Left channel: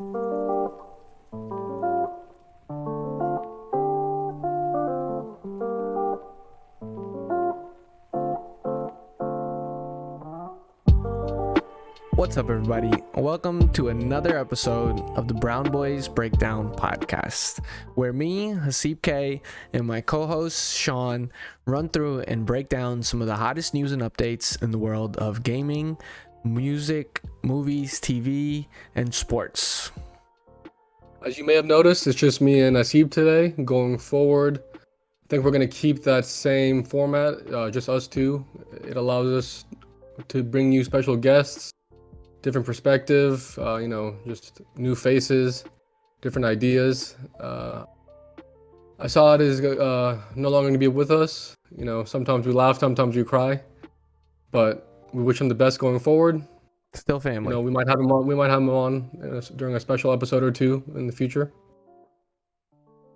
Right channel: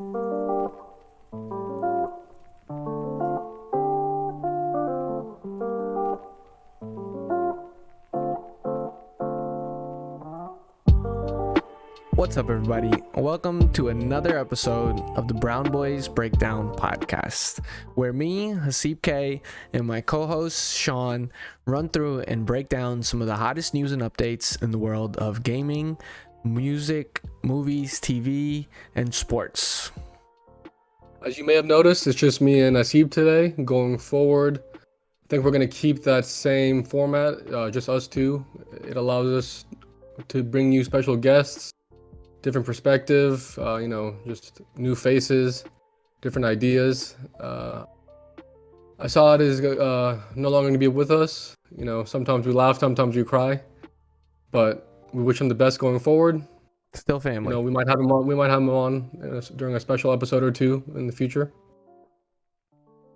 What's up, everybody? Welcome to another episode of the BrownBoyz Breakdown Podcast, where me, Hasib K, and my co-host Sean run through and break down some of the hottest news and updates in the world of gaming, music, movies, TV, and sports. As you may have noticed, it's just me and Hasib today. Going forward, I think we're going to keep that same format, just us two. It allows us to bring you special guests, different perspective, just new faces, different ideas. Assad is no longer going to be with us. Sometimes we laugh, sometimes we cry, but we wish him the best going forward. Still family. We might have him on. We might have him on during a special episode or two in the future.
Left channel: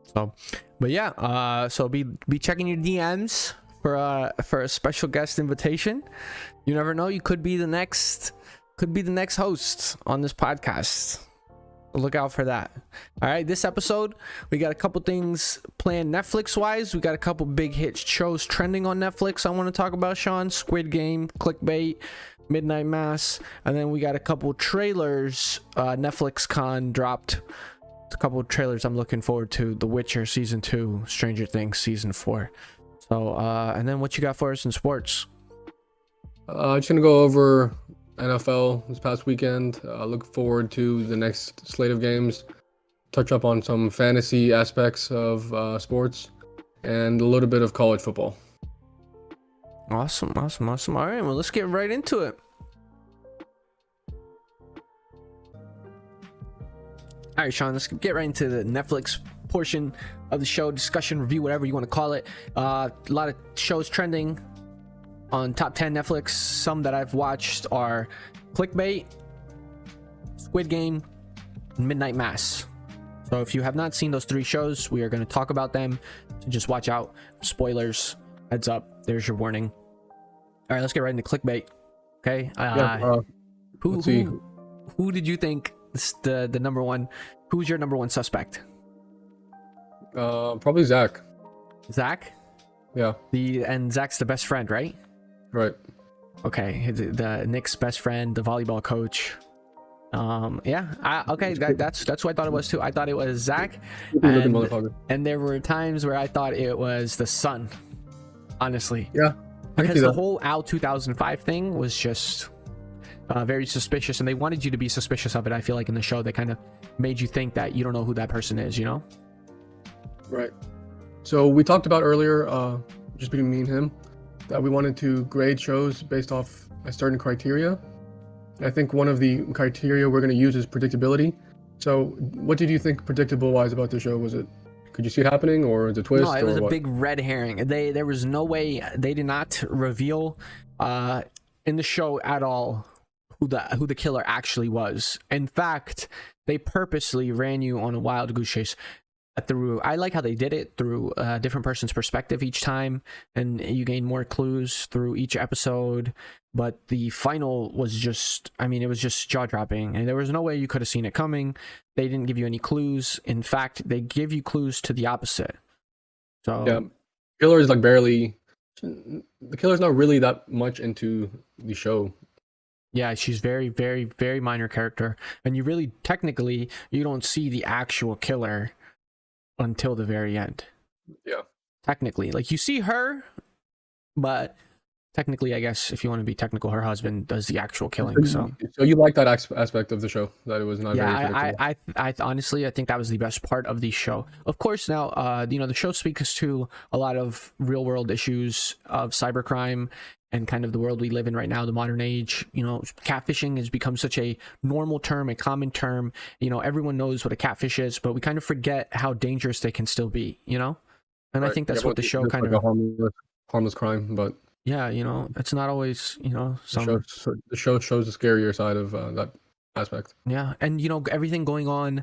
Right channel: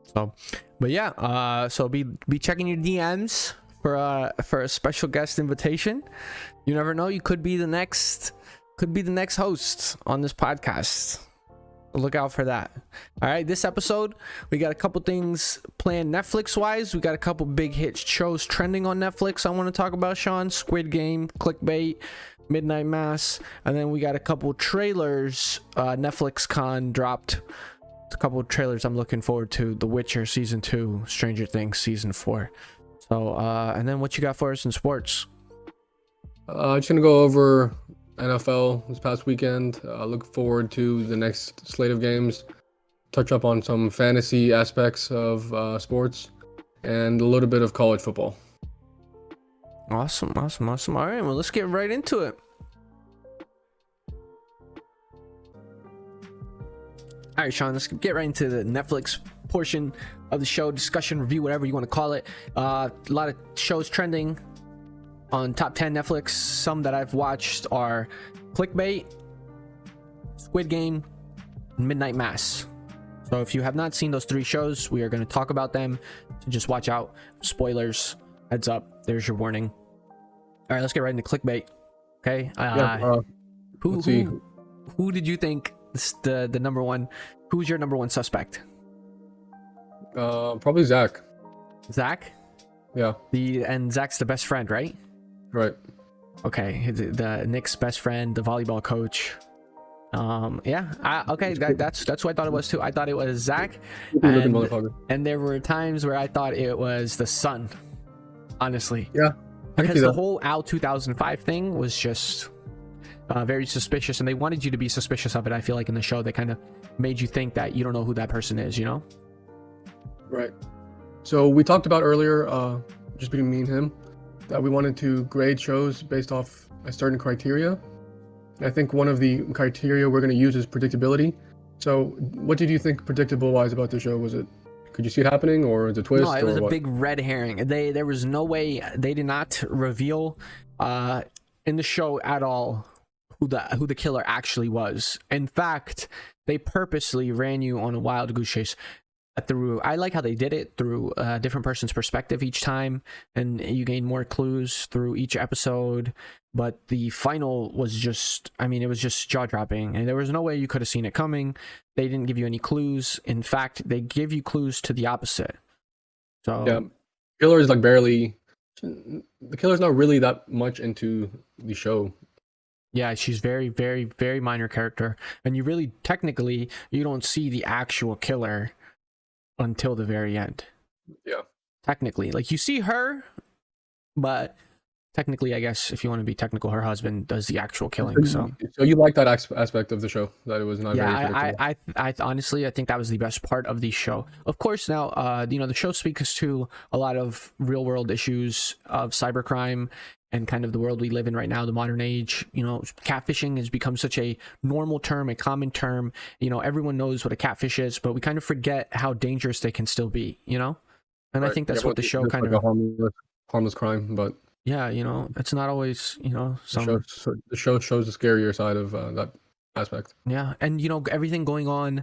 So be checking your DMs for a special guest invitation. You never know, you could be the next host on this podcast. Look out for that. All right, this episode we got a couple things planned Netflix wise. We got a couple big hit shows trending on Netflix I want to talk about, Sean. Squid Game, Clickbait, Midnight Mass, and then we got a couple trailers. Netflix Con dropped a couple of trailers I'm looking forward to. The Witcher season 2, Stranger Things season 4. So and then what you got for us in sports? I'm just gonna go over NFL this past weekend. Look forward to the next slate of games. Touch up on some fantasy aspects of sports and a little bit of college football. Awesome. All right, well, let's get right into it. All right, Sean, let's get right into the Netflix portion of the show, discussion, review, whatever you want to call it. A lot of shows trending on top 10 Netflix. Some that I've watched are Clickbait, Squid Game, and Midnight Mass. So if you have not seen those three shows, we are going to talk about them. So just watch out. Spoilers. Heads up. There's your warning. All right, let's get right into Clickbait. Okay. Who did you think is the number one? Who's your number one suspect? Probably Zach. Zach? Yeah. And Zach's the best friend, right? Right. Okay. The Nick's best friend, the volleyball coach. Okay. That's who I thought it was too. I thought it was Zach. And there were times where I thought it was the son. Honestly. Yeah. Because the whole Al 2005 thing was just very suspicious, and they wanted you to be suspicious of it. I feel like in the show they kind of made you think that you don't know who that person is, Right. So we talked about earlier, just between me and him, that we wanted to grade shows based off a certain criteria. I think one of the criteria we're going to use is predictability. So what did you think predictable-wise about the show? Was it, could you see it happening, or is it a twist? No, it was a big red herring. There was no way. They did not reveal in the show at all who the killer actually was. In fact, they purposely ran you on a wild goose chase. I like how they did it through a different person's perspective each time, and you gain more clues through each episode. But the final was just, it was just jaw-dropping, and there was no way you could have seen it coming. They didn't give you any clues. In fact, they give you clues to the opposite. So yeah, killer is the killer's not really that much into the show. Yeah, she's very, very, very minor character, and you really technically you don't see the actual killer until the very end. Yeah, technically, like you see her, but technically, I guess if you want to be technical, her husband does the actual killing. So you like that aspect of the show, that it was not very predictable. I honestly, I think that was the best part of the show. Of course, now the show speaks to a lot of real world issues of cybercrime and kind of the world we live in right now, the modern age. Catfishing has become such a normal term, a common term. Everyone knows what a catfish is, but we kind of forget how dangerous they can still be. And right. I think that's what the show kind of harmless crime, but yeah, it's not always the show shows the scarier side of that aspect. Yeah, and everything going on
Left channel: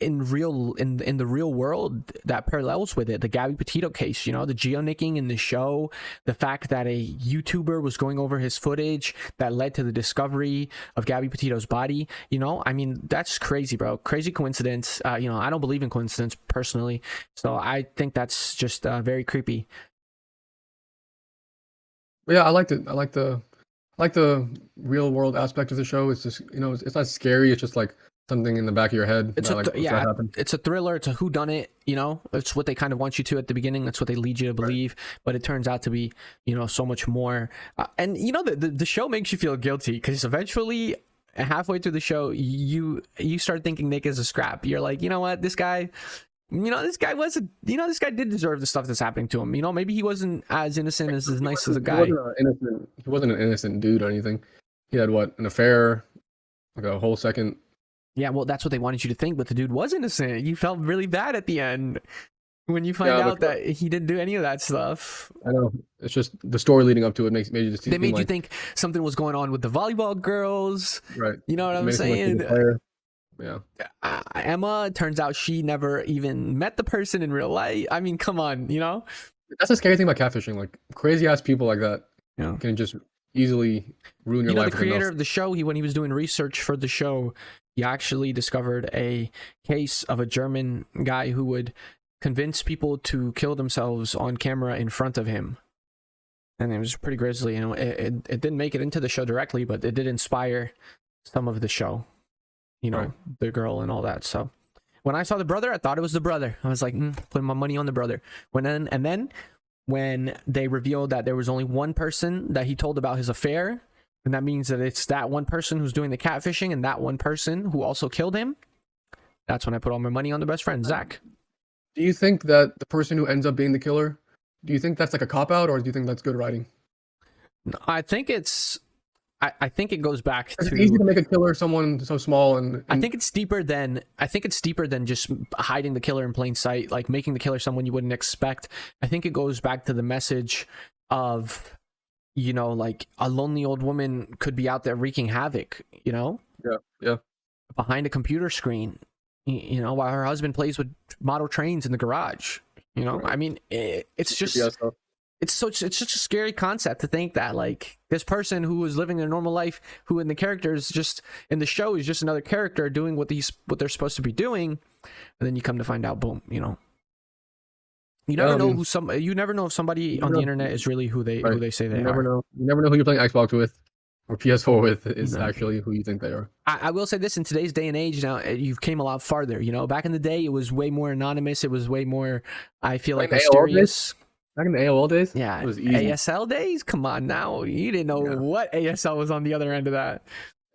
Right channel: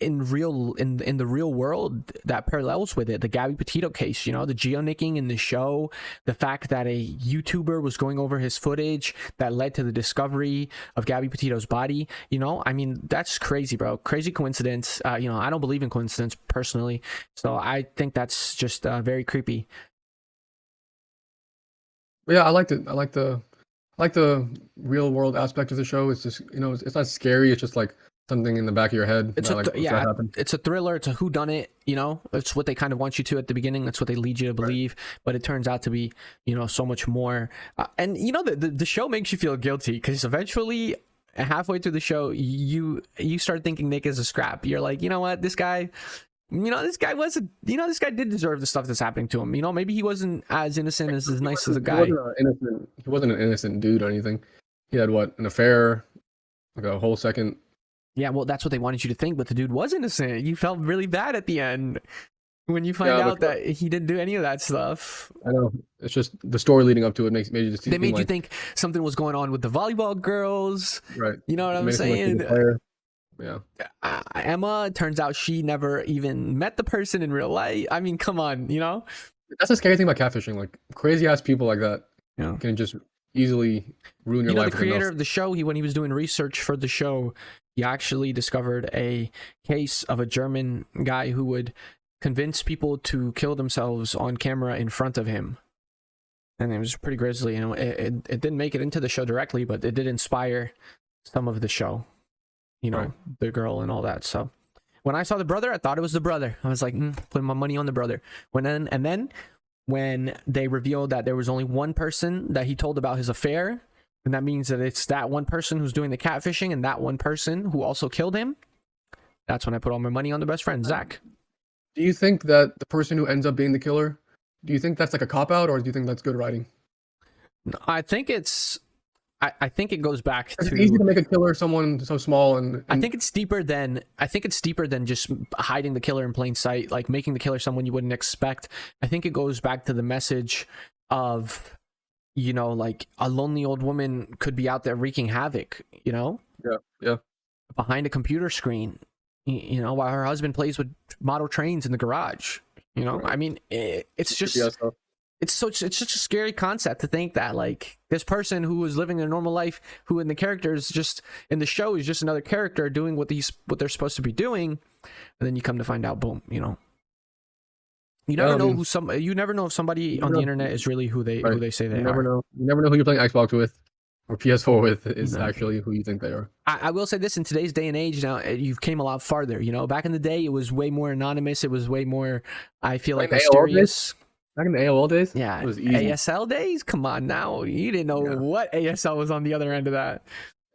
in the real world that parallels with it. The Gabby Petito case, you know, the geonicking in the show, the fact that a YouTuber was going over his footage that led to the discovery of Gabby Petito's body. You know, I mean, that's crazy, bro. Crazy coincidence. You know, I don't believe in coincidence personally, so I think that's just very creepy. But yeah, I liked it. I like the real world aspect of the show. It's just, you know, it's not scary. It's just like something in the back of your head. It's it's a thriller. It's a whodunit. You know, it's what they kind of want you to at the beginning. That's what they lead you to believe. Right. But it turns out to be, you know, so much more. And you know, the show makes you feel guilty because eventually, halfway through the show, you start thinking Nick is a scrap. You're like, you know what, this guy. You know, this guy this guy did deserve the stuff that's happening to him. You know, maybe he wasn't as innocent as nice as a guy. He wasn't an innocent dude or anything. He had an affair, like a whole second. Yeah, well, that's what they wanted you to think, but the dude was innocent. You felt really bad at the end when you find out that he didn't do any of that stuff. I know. It's just the story leading up to it made you just. They made you think something was going on with the volleyball girls. Right. You know what I'm saying? Yeah. Emma, turns out she never even met the person in real life. I mean, come on, you know? That's the scary thing about catfishing. Like, crazy ass people like that can just easily ruin your life. The creator of the show, when he was doing research for the show, he actually discovered a case of a German guy who would convince people to kill themselves on camera in front of him. And it was pretty grisly. You know, it didn't make it into the show directly, but it did inspire some of the show. You know, right. The girl and all that. So when I saw the brother, I thought it was the brother. I was like, putting my money on the brother. And then when they revealed that there was only one person that he told about his affair, and that means that it's that one person who's doing the catfishing and that one person who also killed him, that's when I put all my money on the best friend, Zach. Do you think that the person who ends up being the killer, do you think that's like a cop-out, or do you think that's good writing? I think it's... I think it goes back to... It's easy to make a killer someone so small and... I think it's deeper than just hiding the killer in plain sight, like making the killer someone you wouldn't expect. I think it goes back to the message of, you know, like, a lonely old woman could be out there wreaking havoc, you know? Yeah. Behind a computer screen, you know, while her husband plays with model trains in the garage, you know? Right. I mean, it's just... It's such a scary concept to think that, like, this person who was living a normal life, who in the character is just in the show is just another character doing what they're supposed to be doing, and then you come to find out, boom, you know. You never know you never know if somebody on the internet is really who they say they are. You never know who you're playing Xbox with or PS4 with is actually who you think they are. I will say this, in today's day and age now, you've came a lot farther. You know, back in the day, it was way more anonymous. It was way more, I feel like, mysterious. Back in the AOL days? Yeah. It was easy. ASL days? Come on now. You didn't know what ASL was on the other end of that.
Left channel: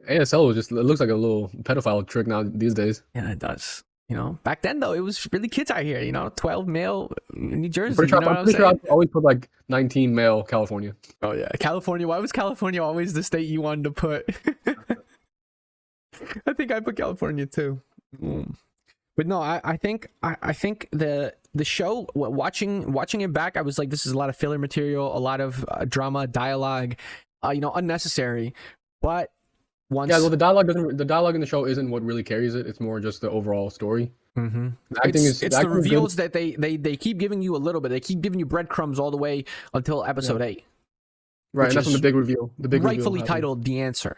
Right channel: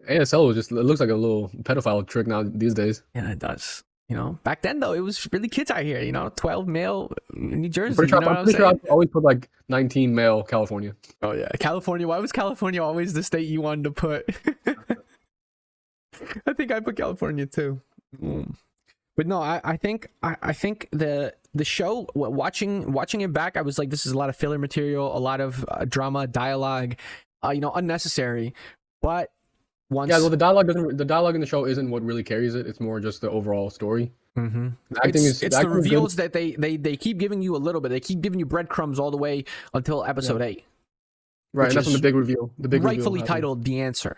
ASL was just, it looks like a little pedophile trick now these days. Yeah, it does. You know, back then though, it was really kids out here, you know, 12 male New Jersey. I'm pretty sure I always put like 19 male California. Oh yeah. California. Why was California always the state you wanted to put? I think I put California too. But no, I think the show, watching it back, I was like, this is a lot of filler material, a lot of drama, dialogue, you know, unnecessary. But once, well, the dialogue in the show isn't what really carries it. It's more just the overall story. Mm-hmm. It's the reveals that they keep giving you a little bit. They keep giving you breadcrumbs all the way until episode 8. Right, and that's when the big reveal. Rightfully titled "The Answer."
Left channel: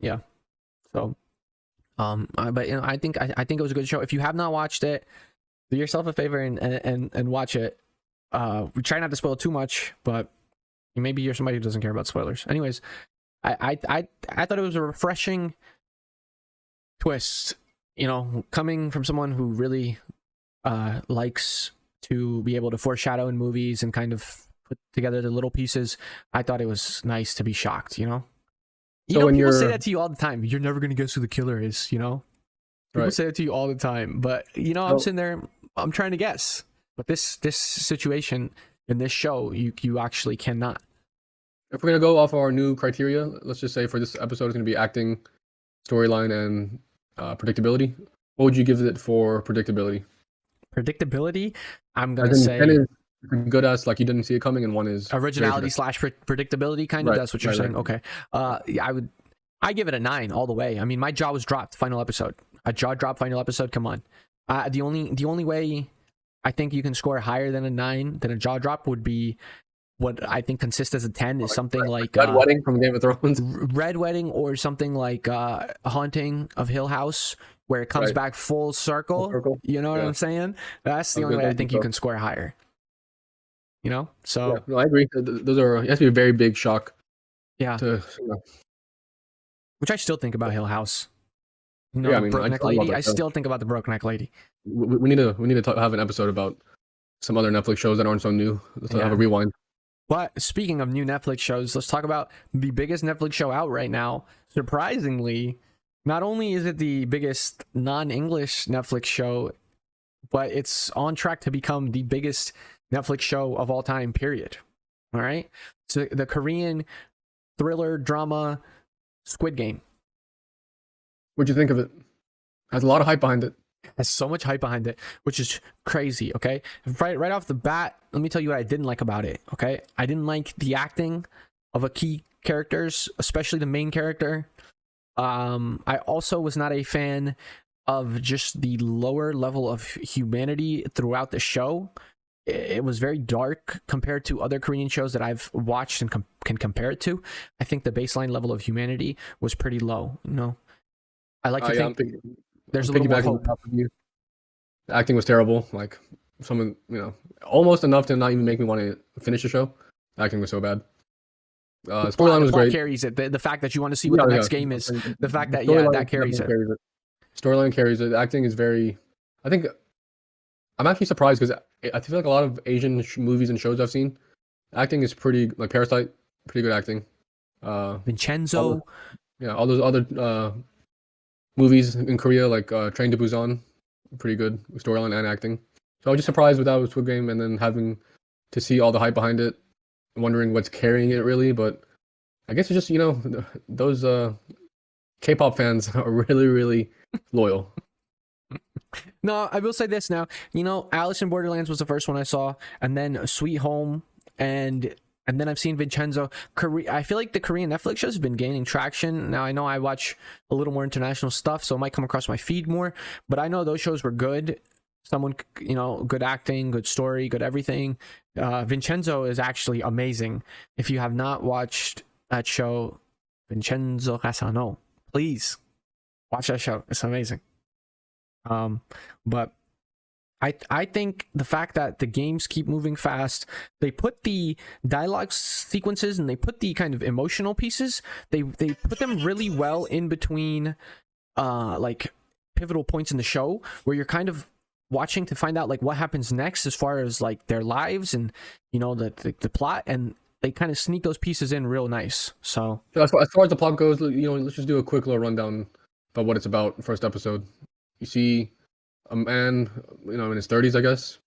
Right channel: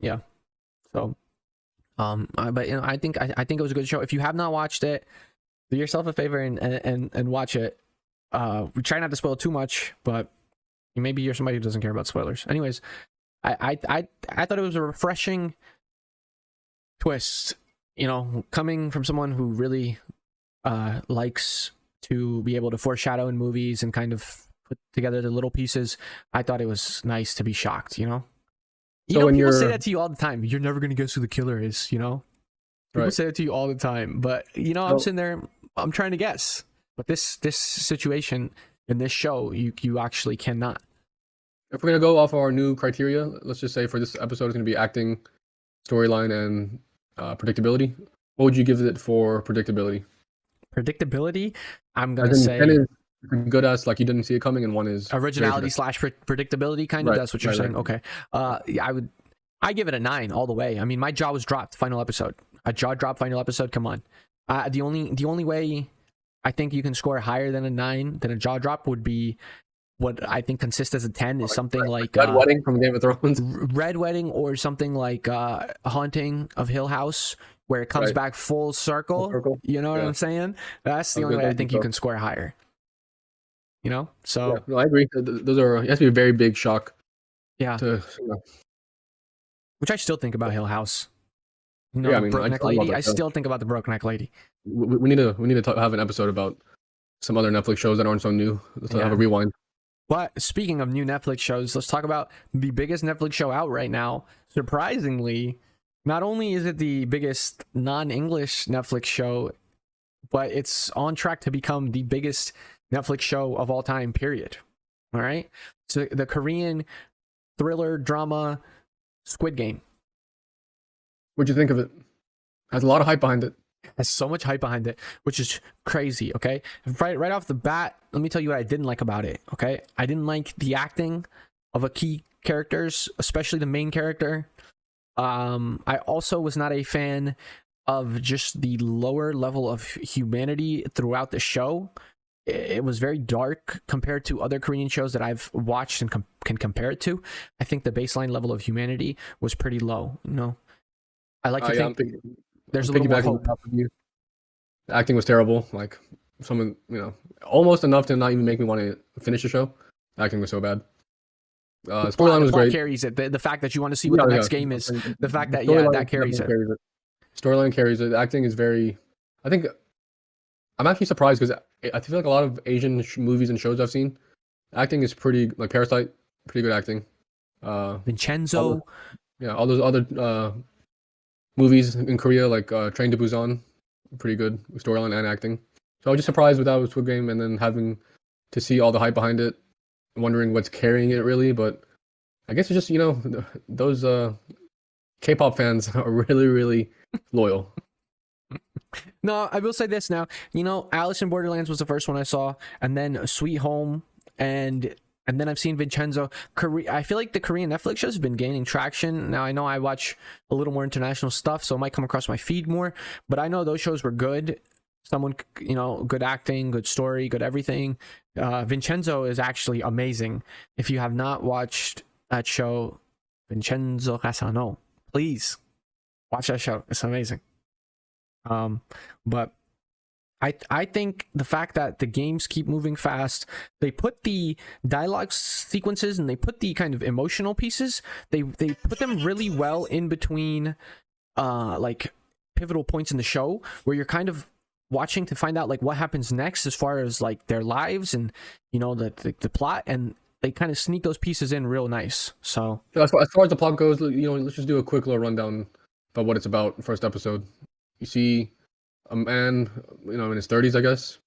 Yeah. So. But you know, I think it was a good show. If you have not watched it, do yourself a favor and watch it. We try not to spoil too much, but maybe you're somebody who doesn't care about spoilers. Anyways, I thought it was a refreshing twist. You know, coming from someone who really likes to be able to talk out on movies and kind of, I thought it was nice to be shocked. You know. You know, people say that to you all the time. You're never going to guess who the killer is, you know? People say that to you all the time. But, you know, I'm sitting there, I'm trying to guess. But this situation in this show, you actually cannot. If we're going to go off our new criteria, let's just say for this episode, it's going to be acting, storyline, and predictability. What would you give it for predictability? Predictability? I'm going to say... good as like you didn't see it coming, and one is originality / predictability, kind of. That's what you're saying. Okay. Yeah, I give it a 9 all the way. I mean, my jaw was dropped. Final episode. A jaw drop final episode. Come on. The only way I think you can score higher than a 9 than a jaw drop would be what I think consists as a 10 is something like Red Wedding from Game of Thrones. Red Wedding, or something like Haunting of Hill House, where it comes back full circle. You know what I'm saying? That's the only way I think you can score higher. You know? So yeah, no, I agree. Those are, it has to be a very big shock. Which I still think about Hill House. You know, Yeah, I mean, Broke Neck Lady. I still think about the Broke Neck Lady. We need to have an episode about some other Netflix shows that aren't so new. Let's have a rewind. But speaking of new Netflix shows, let's talk about the biggest Netflix show out right now. Surprisingly, not only is it the biggest non-English Netflix show, but it's on track to become the biggest Netflix show of all time, period. All right? So the Korean thriller drama Squid Game. What'd you think of it? There's a lot of hype behind it. There's so much hype behind it, which is crazy, okay? Right off the bat, let me tell you what I didn't like about it, okay? I didn't like the acting of a key characters, especially the main character. I also was not a fan of just the lower level of humanity throughout the show. It was very dark compared to other Korean shows that I've watched and can compare it to. I think the baseline level of humanity was pretty low. No, I like to think there's a little more hope. The acting was terrible. Like, someone, almost enough to not even make me want to finish the show. The acting was so bad. Storyline carries it. The acting is very. I'm actually surprised because I feel like a lot of Asian movies and shows I've seen, acting is pretty, like Parasite, pretty good acting. Vincenzo. All those other movies in Korea, like Train to Busan, pretty good storyline and acting. So I was just surprised with that with Squid Game, and then having to see all the hype behind it, wondering what's carrying it really. But I guess it's just those K-pop fans are really, really loyal. No, I will say this now. Alice in Borderlands was the first one I saw, and then Sweet Home, and then I've seen Vincenzo. I feel like the Korean Netflix shows have been gaining traction. Now, I know I watch a little more international stuff, so it might come across my feed more, but I know those shows were good. Good acting, good story, good everything. Vincenzo is actually amazing. If you have not watched that show, Vincenzo, please watch that show. It's amazing. But I think the fact that the games keep moving fast, they put the dialogue sequences and they put the kind of emotional pieces, they put them really well in between like pivotal points in the show where you're kind of watching to find out like what happens next as far as like their lives and the plot, and they kind of sneak those pieces in real nice. So as far as the plot goes, let's just do a quick little rundown about what it's about. First episode, you see a man, in his 30s, I guess,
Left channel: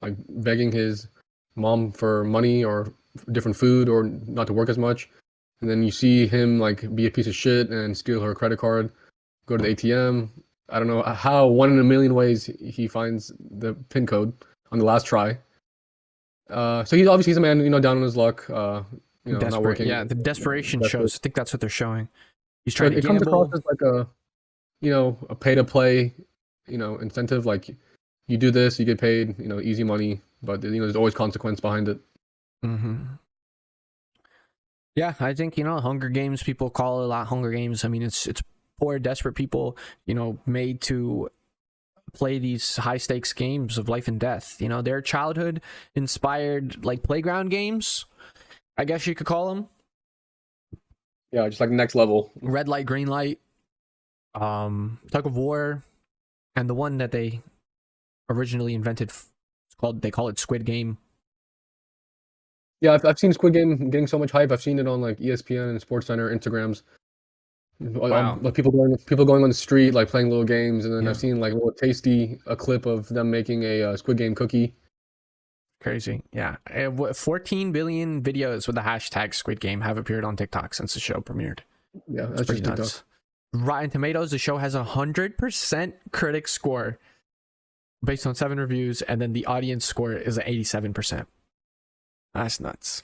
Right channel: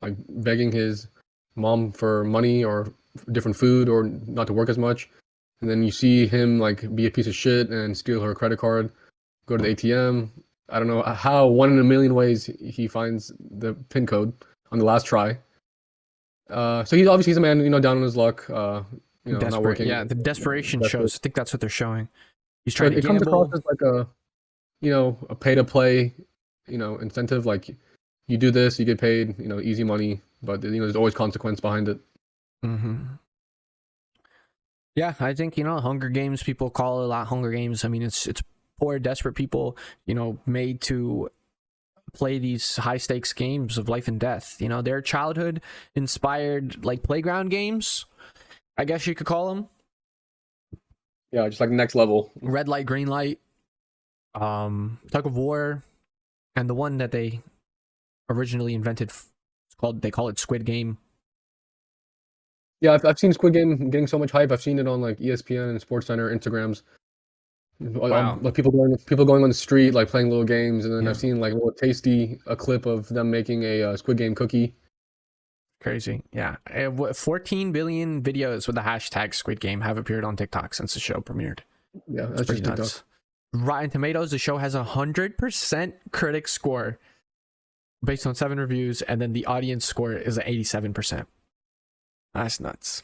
like begging his mom for money or different food or not to work as much. And then you see him like be a piece of shit and steal her credit card, go to the ATM. I don't know how, one in a million ways he finds the PIN code on the last try. So he's a man, down on his luck, not working. Yeah, the desperation shows. I think that's what they're showing. He's trying to gamble. It comes across as like a pay to play, incentive. Like, you do this, you get paid, easy money, but there's always consequence behind it. Mm-hmm. Yeah, I think Hunger Games. People call it a lot Hunger Games. I mean, it's poor, desperate people, made to play these high stakes games of life and death. They're childhood inspired, like playground games, I guess you could call them. Yeah, just like next level. Red light, green light, tug of war, and the one that they originally invented, they call it Squid Game. Yeah, I've seen Squid Game getting so much hype. I've seen it on like ESPN and SportsCenter Instagrams. Wow. Like people going on the street, like playing little games, and then I've seen like a clip of them making a Squid Game cookie. Crazy. Yeah. 14 billion videos with the hashtag Squid Game have appeared on TikTok since the show premiered. Yeah, that's just TikTok. Nuts. Rotten Tomatoes, the show has 100% critic score based on 7 reviews, and then the audience score is 87%. That's nuts.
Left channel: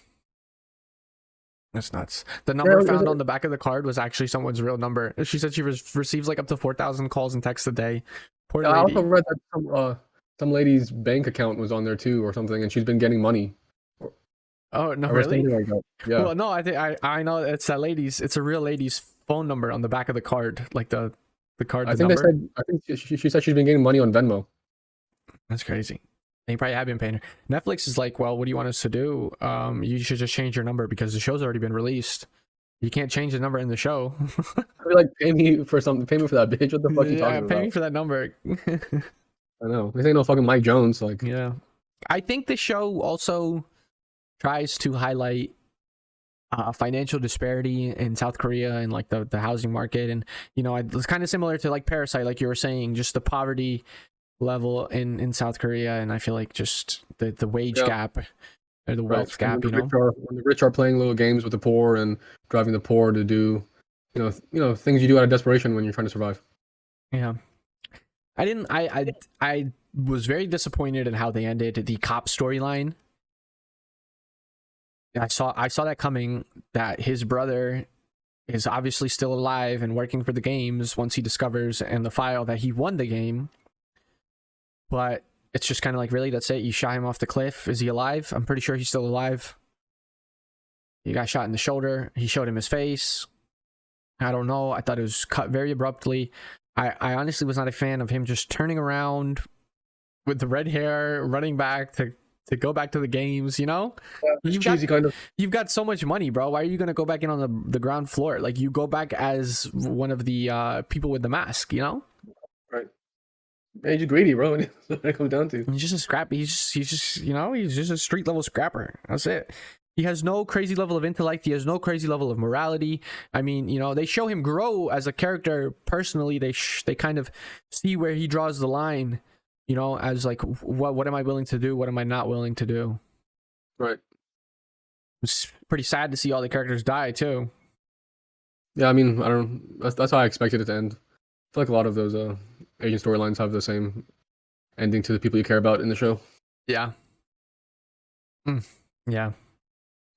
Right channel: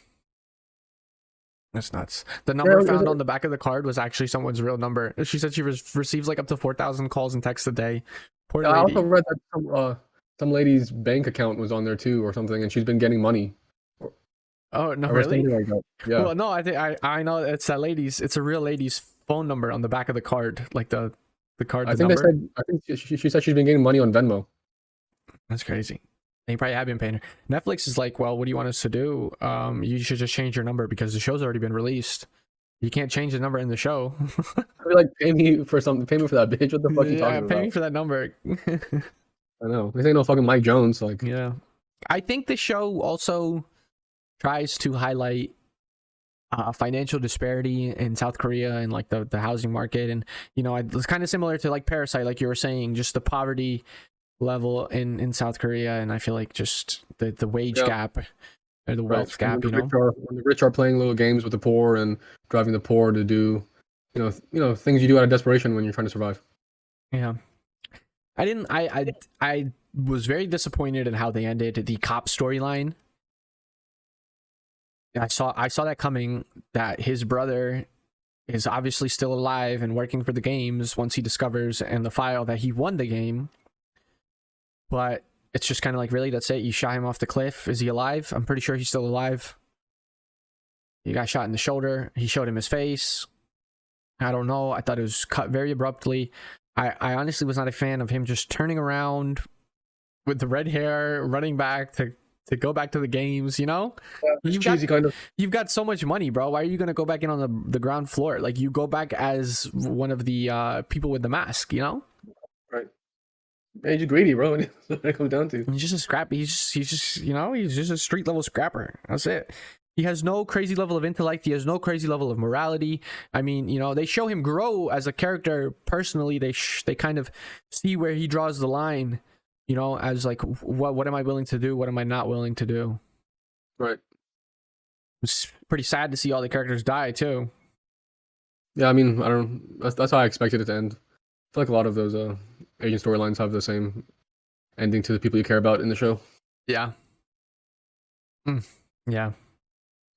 That's nuts. The Yeah, number found on the back of the card was actually someone's real number. She said she receives like up to 4,000 calls and texts a day. Poor I also lady. read that some lady's bank account was on there too, or something, and she's been getting money. Oh no, Or something really? like that. Yeah. Well, no, I think I know it's that lady's. It's a real lady's phone number on the back of the card, like the card. I The think number. they said. I think she said she's been getting money on Venmo. That's crazy. They probably have been paying her. Netflix is like, well, what do you want us to do? You should just change your number because the show's already been released. You can't change the number in the show. I feel like pay me for something. Pay me for that bitch. What the fuck you talking about? Pay me for that number. I know. This ain't no fucking Mike Jones. Like, yeah. I think the show also tries to highlight financial disparity in South Korea and like the housing market, and it's kind of similar to like Parasite, like you were saying, just the poverty level in South Korea, and I feel like just the wage gap or the wealth gap. When the rich are playing little games with the poor and driving the poor to do, things you do out of desperation when you're trying to survive. Yeah. I was very disappointed in how they ended the cop storyline. I saw that coming, that his brother is obviously still alive and working for the games once he discovers in the file that he won the game. But it's just kind of like, really, that's it? You shot him off the cliff. Is he alive? I'm pretty sure he's still alive. He got shot in the shoulder. He showed him his face. With the red hair, running back to go back to the games, Yeah, you've got so much money, bro. Why are you gonna go back in on the ground floor? Like, you go back as one of the people with the mask, Right. Yeah, he's just greedy, bro. That's what it comes down to. He's just a scrappy. He's just he's just a street level scrapper. That's it. He has no crazy level of intellect. He has no crazy level of morality. I mean, they show him grow as a character personally. They kind of see where he draws the line, as like, what am I willing to do? What am I not willing to do? Right. It's pretty sad to see all the characters die too. Yeah, I mean, that's how I expected it to end. I feel like a lot of those agent storylines have the same ending to the people you care about in the show. Yeah. Yeah.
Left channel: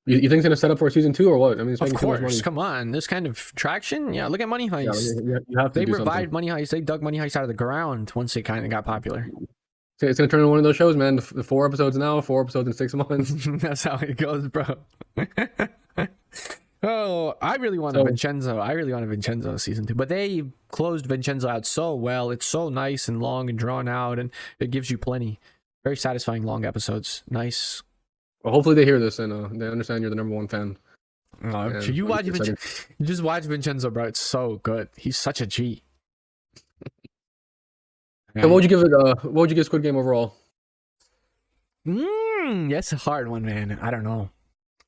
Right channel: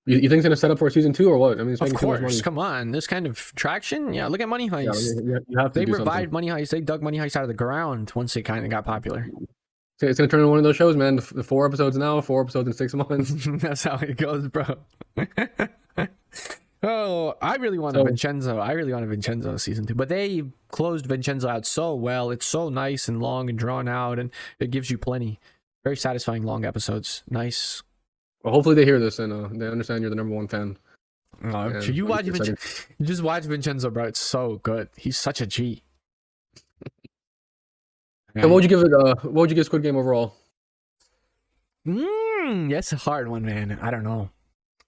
You think it's gonna set up for a season 2 or what? I mean, it's Of making too much course. money. Come on. This kind of traction. Yeah. Look at Money Heist. Yeah, you have to They do revived something. Money Heist. They dug Money Heist out of the ground once it kind of got popular. So it's like one of those shows, man. 4 episodes now, 4 episodes in 6 months. That's how it goes, bro. So I really want to Vincenzo. I really want to Vincenzo season 2, but they closed Vincenzo out so well. It's so nice and long and drawn out, and it gives you plenty. Very satisfying long episodes. Nice. Well, hopefully they hear this and they understand you're the number 1 fan. You just watch Vincenzo, bro. It's so good. He's such a G.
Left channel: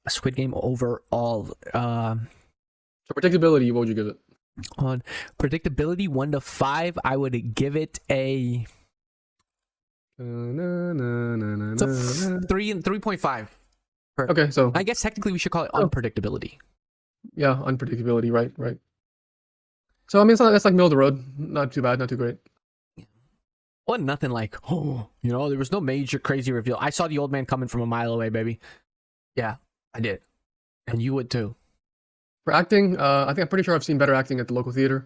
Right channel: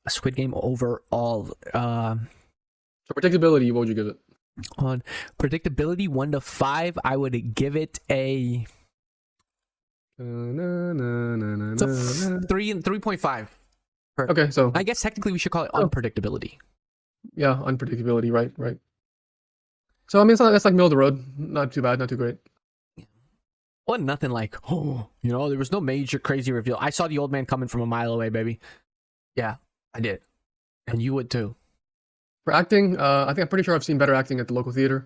A Squid Game overall. So predictability, what would you give it? On predictability, 1 to 5, I would give it a 3.5. Okay, so I guess technically we should call it unpredictability. yeah, unpredictability, right. So I mean, that's like middle of the road. Not too bad, not too great. Well, nothing like, there was no major crazy reveal. I saw the old man coming from a mile away, baby. Yeah, I did. And you would too. For acting, I'm pretty sure I've seen better acting at the local theater.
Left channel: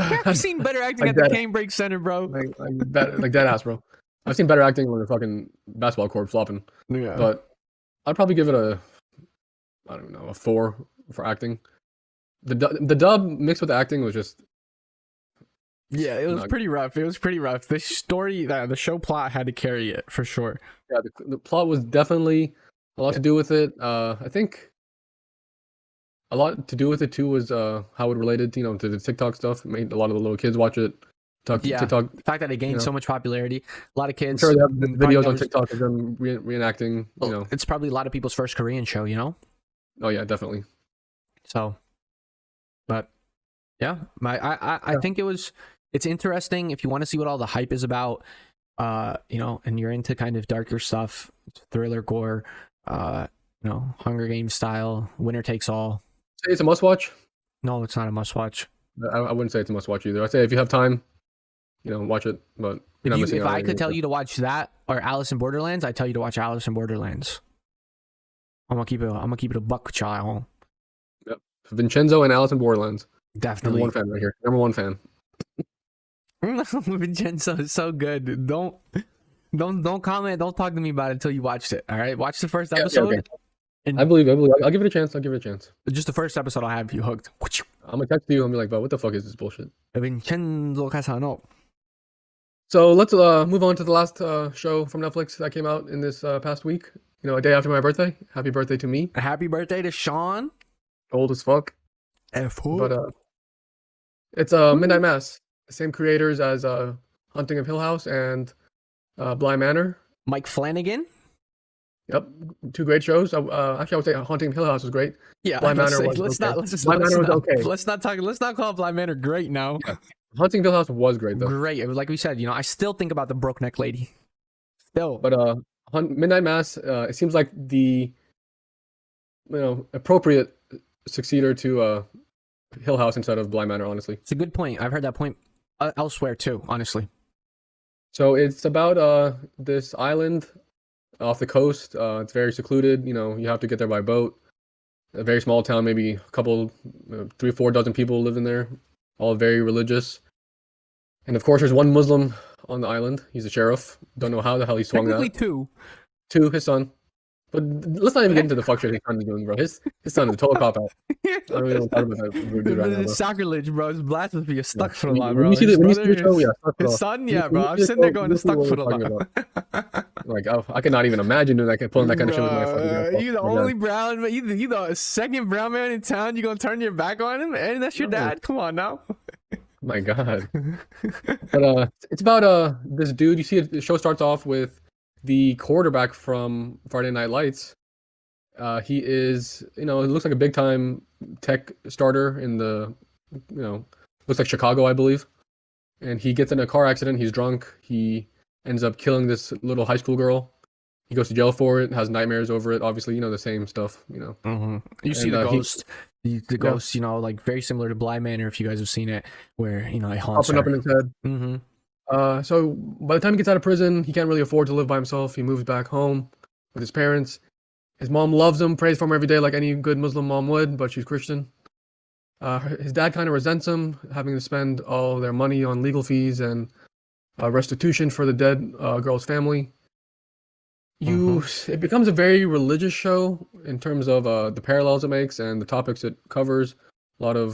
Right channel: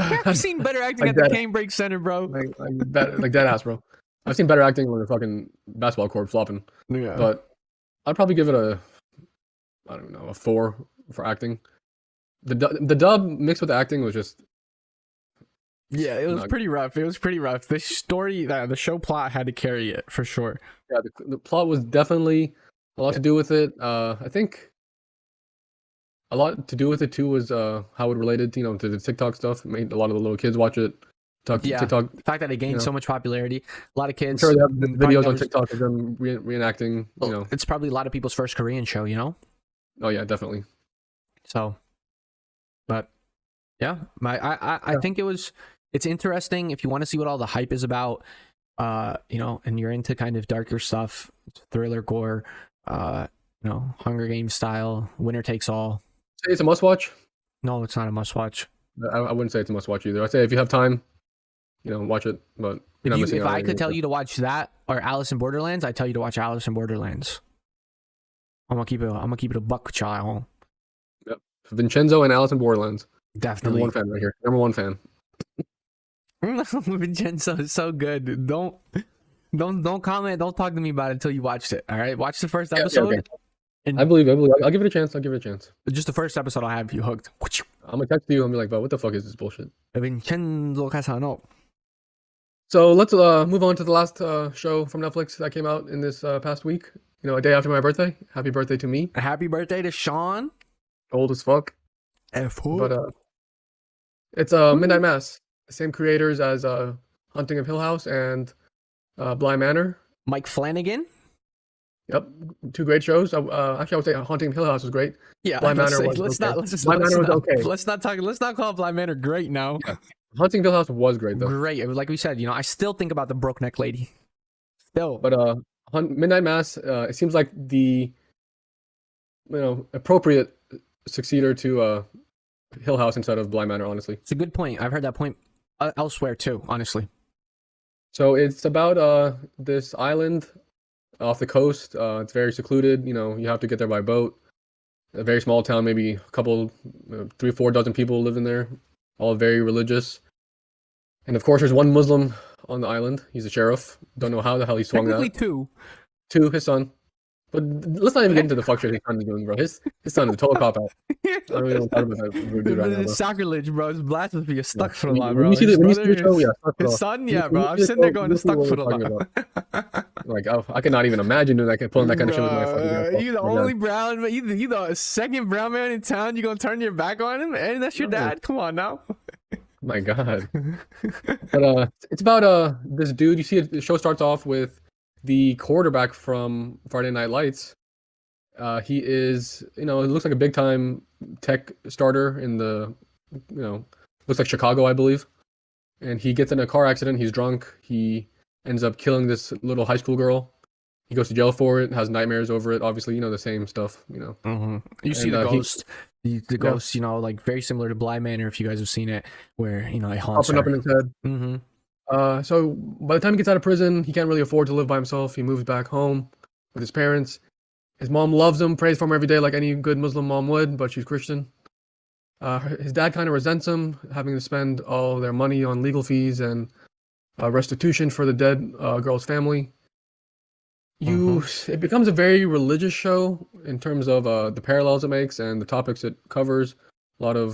I've seen better acting at the Cambridge Center, bro. Like that, bro. Better acting for fucking basketball court fluff. I'd probably give it a 4 for acting. The dub mixed with the acting was just. Yeah, it was pretty rough. The story, the show plot had to carry it for sure. Yeah, the plot was definitely a lot to do with it. I think a lot to do with it too was how it related, to the TikTok stuff. It made a lot of the little kids watch it. TikTok. The fact that it gained so much popularity, a lot of kids. I'm sure they have videos on TikTok of them reenacting. It's probably a lot of people's first Korean show. Oh yeah, definitely. So. And you're into kind of darker stuff, thriller, gore, Hunger Games style, winner takes all. Say it's a must watch? No, it's not a must watch. I wouldn't say it's a must watch either. I'd say if you have time, watch it. But if I could tell you to watch that or Alice in Borderlands, I'd tell you to watch Alice in Borderlands. I'm gonna keep it a buck, child. Yep. Vincenzo and Alice in Borderlands. Definitely. Number 1 fan right here. Number 1 fan. Vincenzo is so good. Dude. Don't comment. Don't talk to me about it until you watched it. All right, watch the first episode. Okay. I believe it. I'll give it a chance. It's just the first episode. I have you hooked. I'm gonna text you. I'm like, bro, what the fuck is this bullshit? Vincenzo Casano. So let's move on to the last show from Netflix that came out in this past week. You know, a day after my birthday. Happy birthday to me. Happy birthday to Sean. Old as fuck. But it's Midnight Mass. The same creators as Hunting of Hill House and Bly Manor. Mike Flanagan. Yep, 2 great shows. Actually, I would say Haunting of Hill House was great. Yeah, Bly Manor was okay. Let's not call Bly Manor great now. Yeah. Hunting of Hill House was great though. Great. Like we said, I still think about the broke neck lady. Still. But Midnight Mass, it seems like the appropriate successor to Hill House instead of Bly Manor. Honestly, it's a good point. I've heard that point elsewhere too. Honestly. So it's about this island off the coast, very secluded, a very small town, maybe a couple, 3 or 4 dozen people live in there, all very religious. And of course, there's one Muslim on the island. He's a sheriff. Don't know how the hell he swung that. Technically 2. 2, his son. But let's not even get into the fuck shit his son is doing, bro. His son is a total cop out. I don't really want to talk about that dude right now, bro. Sacrilege, bro. It's blasphemy. Astaghfirullah, bro. When you see the show, yeah, his son, yeah, bro. I'm sitting there going, astaghfirullah. Like, I cannot even imagine doing that, pulling that kind of shit with my fucking. You the only brown man, you the second brown man in town. You gonna turn your back on him, and that's your dad? Come on now. My God. But it's about this dude. You see, the show starts off with the quarterback from Friday Night Lights. He is, it looks like a big time tech starter in the, looks like Chicago, I believe. And he gets in a car accident. He's drunk. He ends up killing this little high school girl. He goes to jail for it, has nightmares over it. Obviously, the same stuff, Mm-hmm. You see the ghost. The ghost, like very similar to Bly Manor, if you guys have seen it, where, it haunts her. Up in his head. Mm-hmm. So by the time he gets out of prison, he can't really afford to live by himself. He moves back home with his parents. His mom loves him, prays for him every day like any good Muslim mom would, but she's Christian. Restitution for the dead girl's family. It becomes a very religious show in terms of the parallels it makes and the topics it covers. A lot of,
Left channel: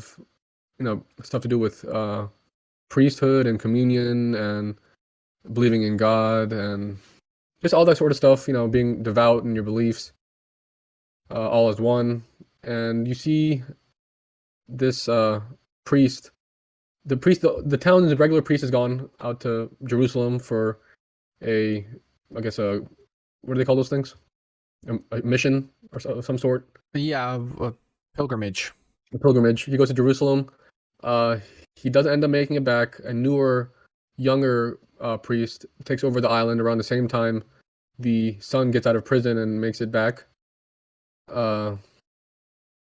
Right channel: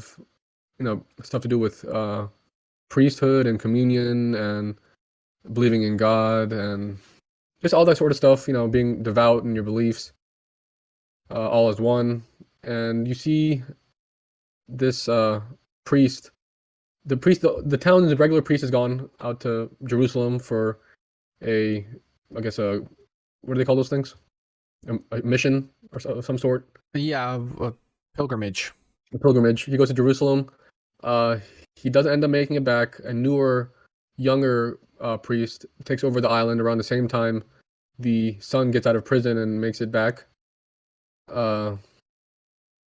stuff to do with priesthood and communion and believing in God and just all that sort of stuff, being devout in your beliefs, all as one. And you see this priest, the town's regular priest has gone out to Jerusalem for what do they call those things? A mission or some sort? Yeah, a pilgrimage. He does end up making it back. A newer, younger priest takes over the island around the same time the son gets out of prison and makes it back. And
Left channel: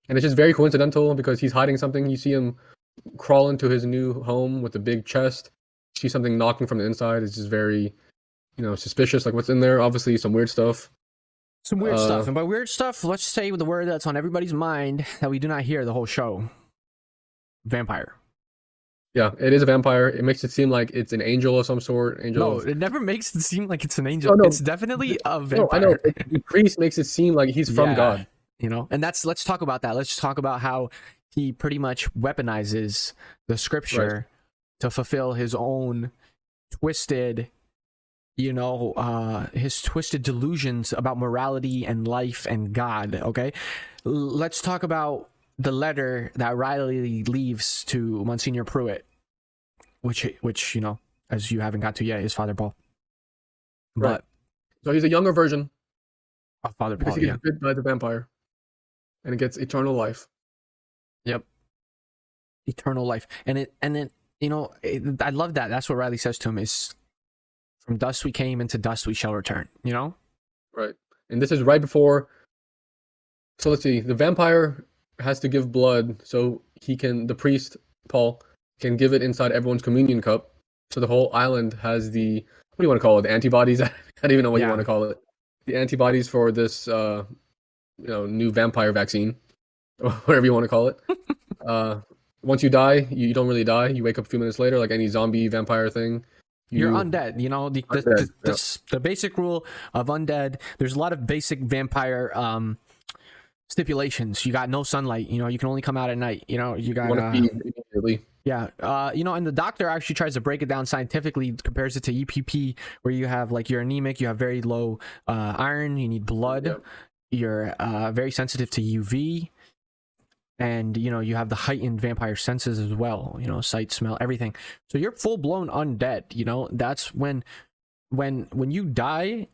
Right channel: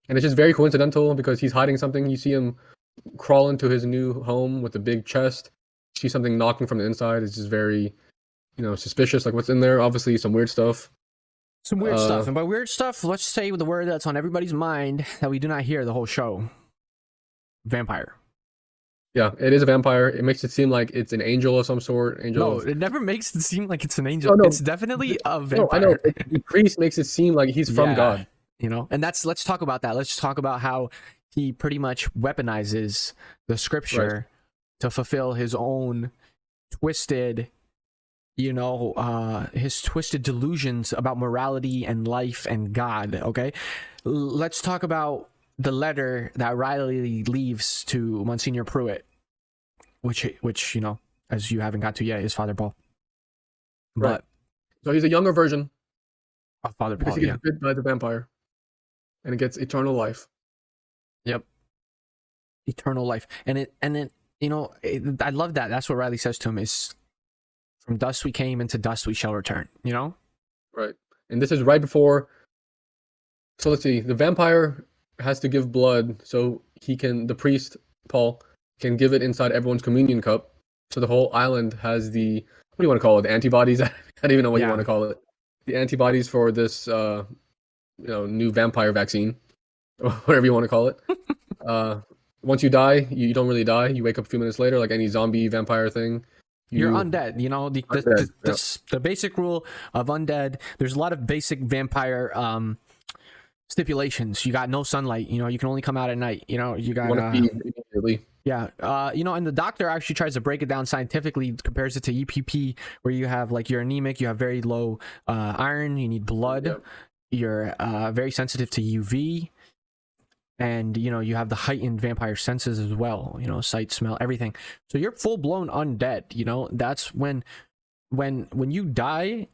it's just very coincidental because he's hiding something. You see him crawl into his new home with a big chest. You see something knocking from the inside. It's just very, suspicious. Like, what's in there? Obviously, some weird stuff. Some weird stuff. And by weird stuff, let's say the word that's on everybody's mind that we do not hear the whole show. Vampire. Yeah, it is a vampire. It makes it seem like it's an angel of some sort. It never makes it seem like it's an angel. No. It's definitely a vampire. No, I know. The priest makes it seem like he's from God. And let's talk about that. Let's talk about how he pretty much weaponizes the scripture to fulfill his own twisted, his twisted delusions about morality and life and God. Okay, let's talk about the letter that Riley leaves to Monsignor Pruitt, which as you haven't got to yet, is Father Paul. Right. So he's a younger version of Father Paul. Because he gets bit by the vampire, and it gets eternal life. Yep. Eternal life, and then I love that. That's what Riley says to him: is from dust we came, and to dust we shall return. Right. And this is right before. So let's see. The vampire has to give blood, so the priest Paul can give it inside everyone's communion cup. So the whole island has the, what do you want to call it? The antibodies? I don't even know what you want to call it. The antibodies for this new vampire vaccine, or whatever you want to call it. Once you die, you don't really die. You wake up a few minutes later, like any zombie vampire thing. You're undead. You know, Undead, yeah. the basic rule of undead. There's a lot of basic vampire stipulations. You got no sunlight. You know, you can only come out at night. You know, you got want to feed immediately. Yeah, you know, and the doctor actually tries to break it down scientifically, compares it to EPP, where you have like you're anemic, you have very low iron, you need blood, Yep. you're very sensitive to UV, and you know you have the heightened vampire senses as well. You know, sight, smell, everything. So you're full blown undead. You know, that's when you die.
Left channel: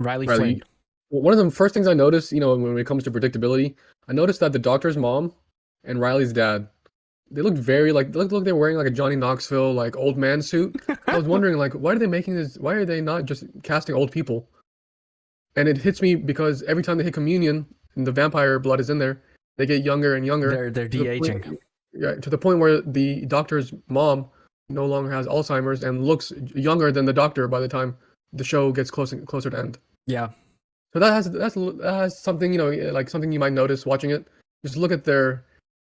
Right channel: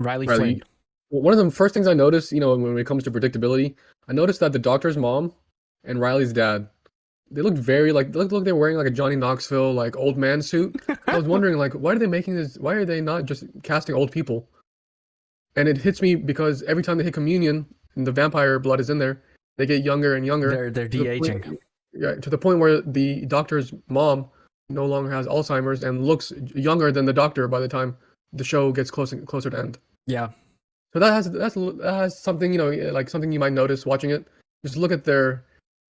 Riley Flynn. Well, one of the first things I noticed, when it comes to predictability, I noticed that the doctor's mom and Riley's dad, they looked very they look they're wearing like a Johnny Knoxville like old man suit. I was wondering like why are they making this? Why are they not just casting old people? And it hits me because every time they hit communion and the vampire blood is in there, they get younger and younger. They're de-aging. Yeah, to the point where the doctor's mom no longer has Alzheimer's and looks younger than the doctor by the time the show gets closer to end. Yeah. So that has something, like something you might notice watching it. Just look at their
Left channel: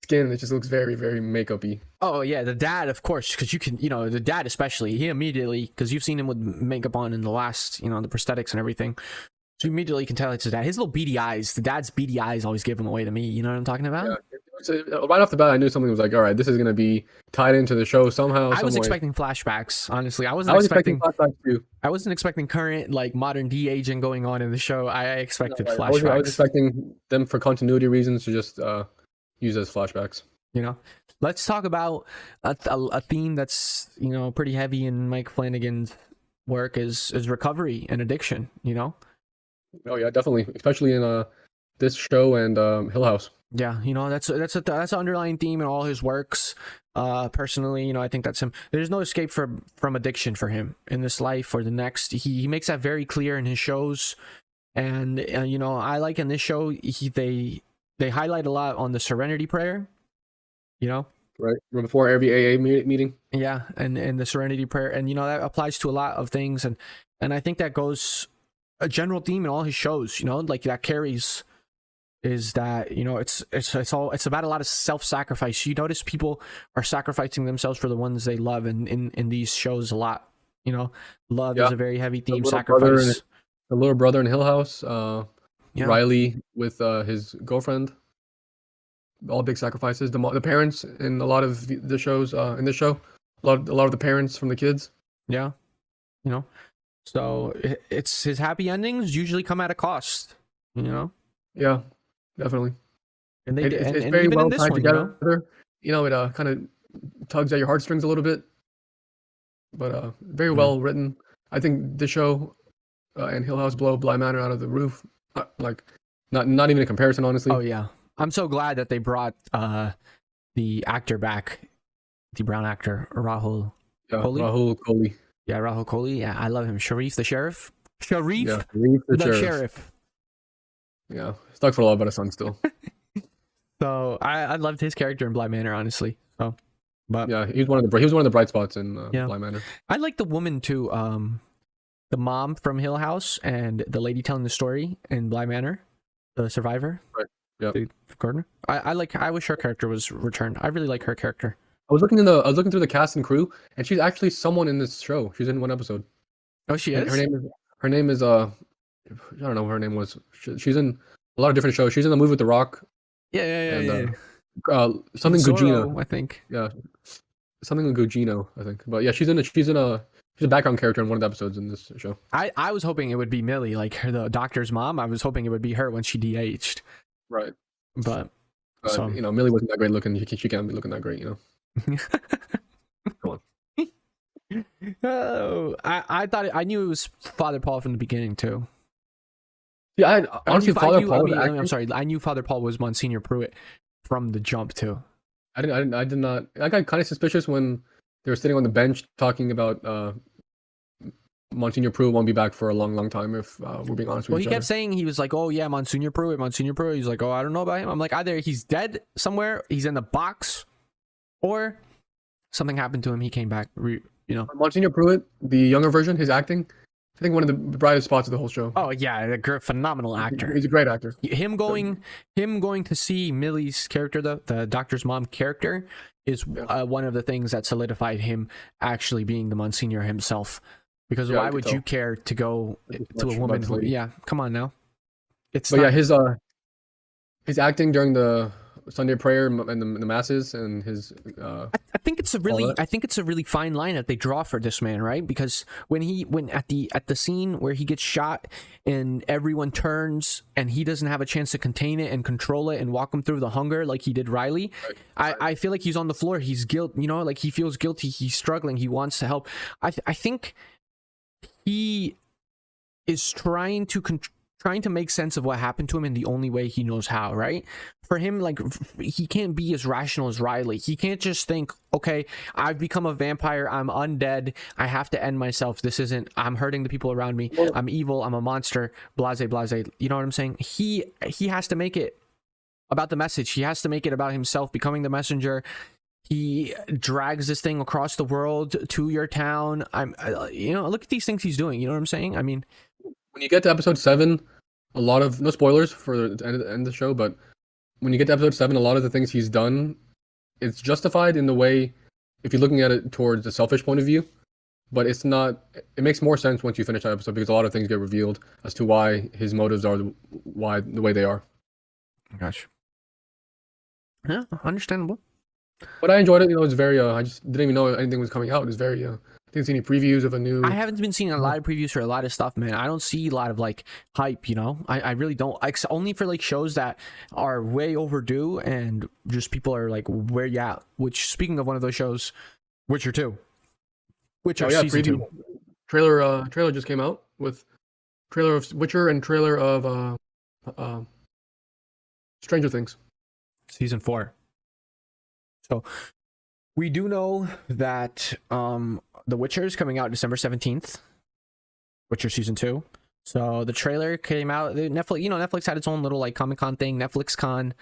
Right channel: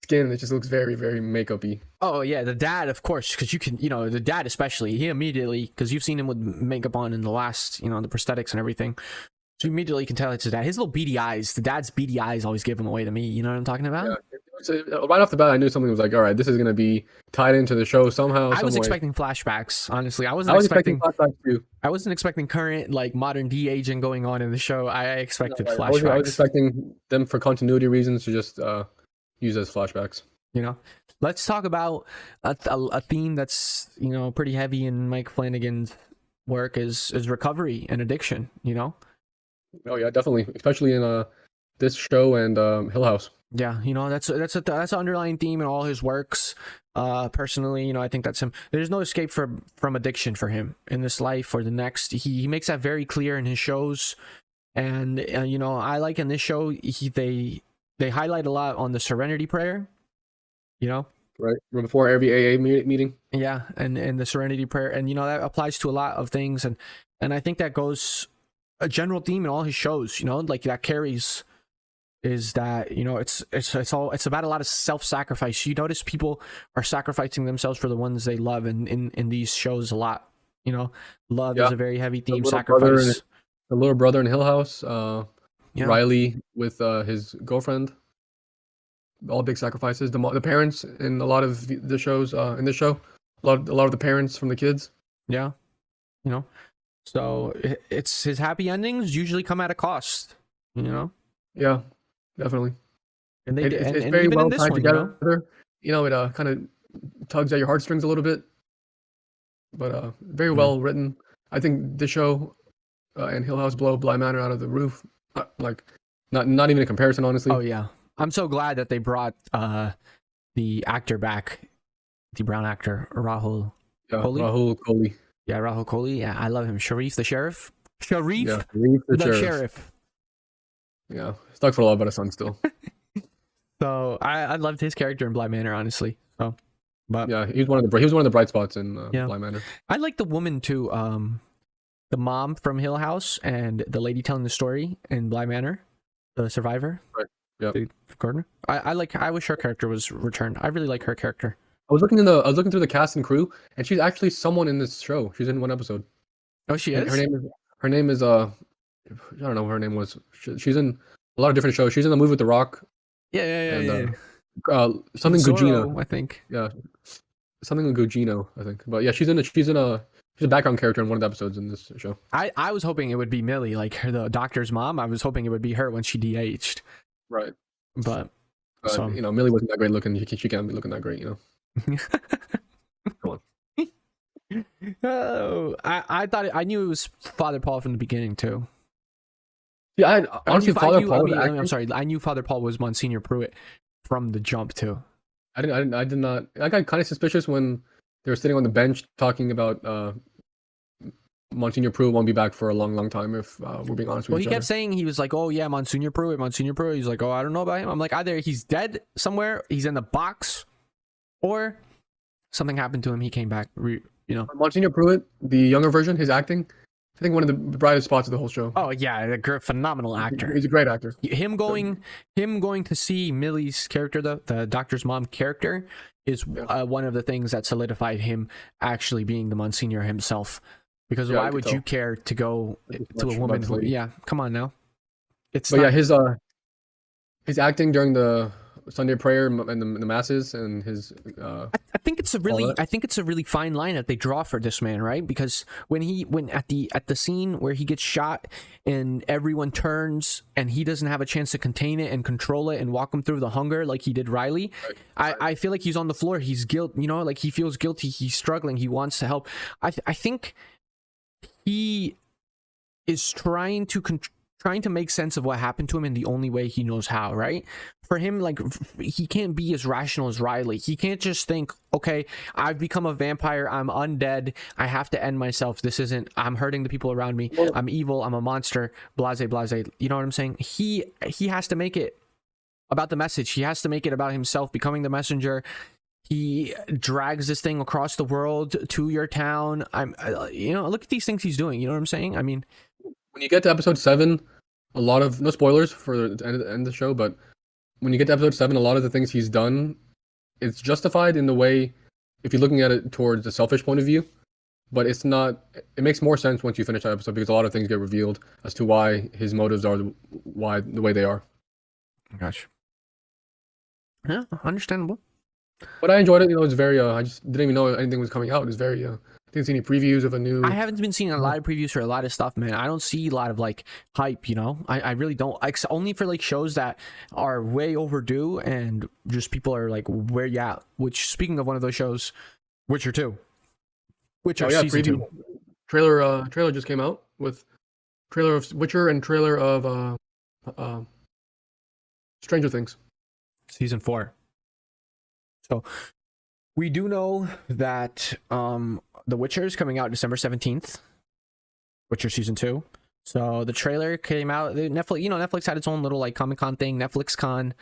skin; it just looks very, very makeup-y. Oh yeah, the dad, of course, because you can, the dad especially, he immediately, because you've seen him with makeup on in the last, the prosthetics and everything. So you immediately can tell it's his dad. His little beady eyes, the dad's beady eyes always give him away to me. You know what I'm talking about? Yeah. So right off the bat, I knew something was like, all right, this is gonna be tied into the show somehow. I was expecting flashbacks, honestly. I was expecting flashbacks too. I wasn't expecting current like modern de-aging going on in the show. I expected flashbacks. I was expecting them for continuity reasons to just use as flashbacks. Let's talk about a theme that's pretty heavy in Mike Flanagan's work is recovery and addiction. Oh yeah, definitely, especially in this show and Hill House. Yeah, that's an underlying theme in all his works. Personally, I think that's him. There's no escape from addiction for him in this life or the next. He makes that very clear in his shows. And I like in his show, they highlight a lot on the Serenity Prayer. Right before every AA meeting. Yeah, and the Serenity Prayer, and that applies to a lot of things, and I think that goes a general theme in all his shows. Like that carries. Is that it's about a lot of self-sacrifice. You notice people are sacrificing themselves for the ones they love, and in these shows a lot. Love is a very heavy theme. Sacrifice. The little brother in Hill House, Riley with his girlfriend. All big sacrifices. The parents in a lot of the shows in this show. A lot of the parents from the kids. Yeah, so it's his happy endings usually come at a cost. Yeah. Definitely, and it's and very even well in this tied one, together. It kind of tugs at your heartstrings a little bit, but very well written. I think this show and Hill House blow Bly Manor out of the roof. Like, not even a comparison, honestly. Oh yeah, I'm so glad that they brought the actor back, the brown actor Rahul. Rahul Kohli. Yeah, Rahul Kohli. Yeah, I love him. Sharif the sheriff. Sharif, yeah, the sheriff. Yeah, stuck for a lot better son still. So I loved his character in Bly Manor, honestly. So, but yeah, he was one of the bright spots in Bly Manor. I like the woman too. The mom from Hill House and the lady telling the story in Bly Manor, the survivor. Right. Yeah. The Gardner. I wish her character was returned. I really like her character. I was looking through the cast and crew, and she's actually someone in this show. She's in one episode. Oh, she is. Her name is a lot of different shows. She's in the movie with The Rock. Yeah. Something Zorro, Gugino, I think. Yeah, something with Gugino, I think. But yeah, she's a background character in one of the episodes in this show. I was hoping it would be Millie, like the doctor's mom. I was hoping it would be her when she de-aged. Right. But Millie wasn't that great looking. She can't be looking that great, Come on. Oh, I knew it was Father Paul from the beginning too. Yeah, honestly, Father Paul. I'm sorry. I knew Father Paul was Monsignor Pruitt from the jump too. I did not. I got kind of suspicious when they were sitting on the bench talking about Monsignor Prue won't be back for a long time. If we're being honest Well, with he each other. kept saying, he was like, oh yeah, Monsignor Prue. He's like, oh, I don't know about him. I'm like, either he's dead somewhere, he's in the box, or something happened to him. He came back. Monsignor Pruitt, the younger version, his acting, I think one of the brightest spots of the whole show. Oh yeah, a phenomenal actor. He's a great actor. Him going to see Millie's character, the doctor's mom character, is one of the things that solidified him actually being the Monsignor himself. Because why would you care to go to a woman who? Yeah, come on now. It's. But not, yeah, his is trying to make sense of what happened to him in the only way he knows how, right? For him, like, he can't be as rational as Riley. He can't just think, okay, I've become a vampire, I'm undead, I have to end myself, I'm hurting the people around me, I'm evil, I'm a monster, blase, you know what I'm saying? He has to make it about the message. He has to make it about himself becoming the messenger. He drags this thing across the world to your town. Look at these things he's doing. You know what I'm saying? I mean, when you get to episode 7, a lot of, no spoilers for the end of the show, but when you get to episode 7, a lot of the things he's done, it's justified in the way, if you're looking at it towards the selfish point of view, but it's not. It makes more sense once you finish that episode, because a lot of things get revealed as to why his motives are the way they are. Gosh. Yeah, understandable. But I enjoyed it. It's very. I just didn't even know anything was coming out. It's very. Didn't see any previews of a new. I haven't been seeing a lot of previews for a lot of stuff, man. I don't see a lot of like hype. I really don't. Only for like shows that are way overdue and just people are like, where you at? Which, speaking of one of those shows, Witcher 2. Witcher season 2. Trailer just came out with trailer of Witcher and trailer of Stranger Things. Season 4. So we do know that The Witcher is coming out December 17th. Witcher season 2. So the trailer came out. Netflix had its own little like Comic-Con thing, Netflix Con.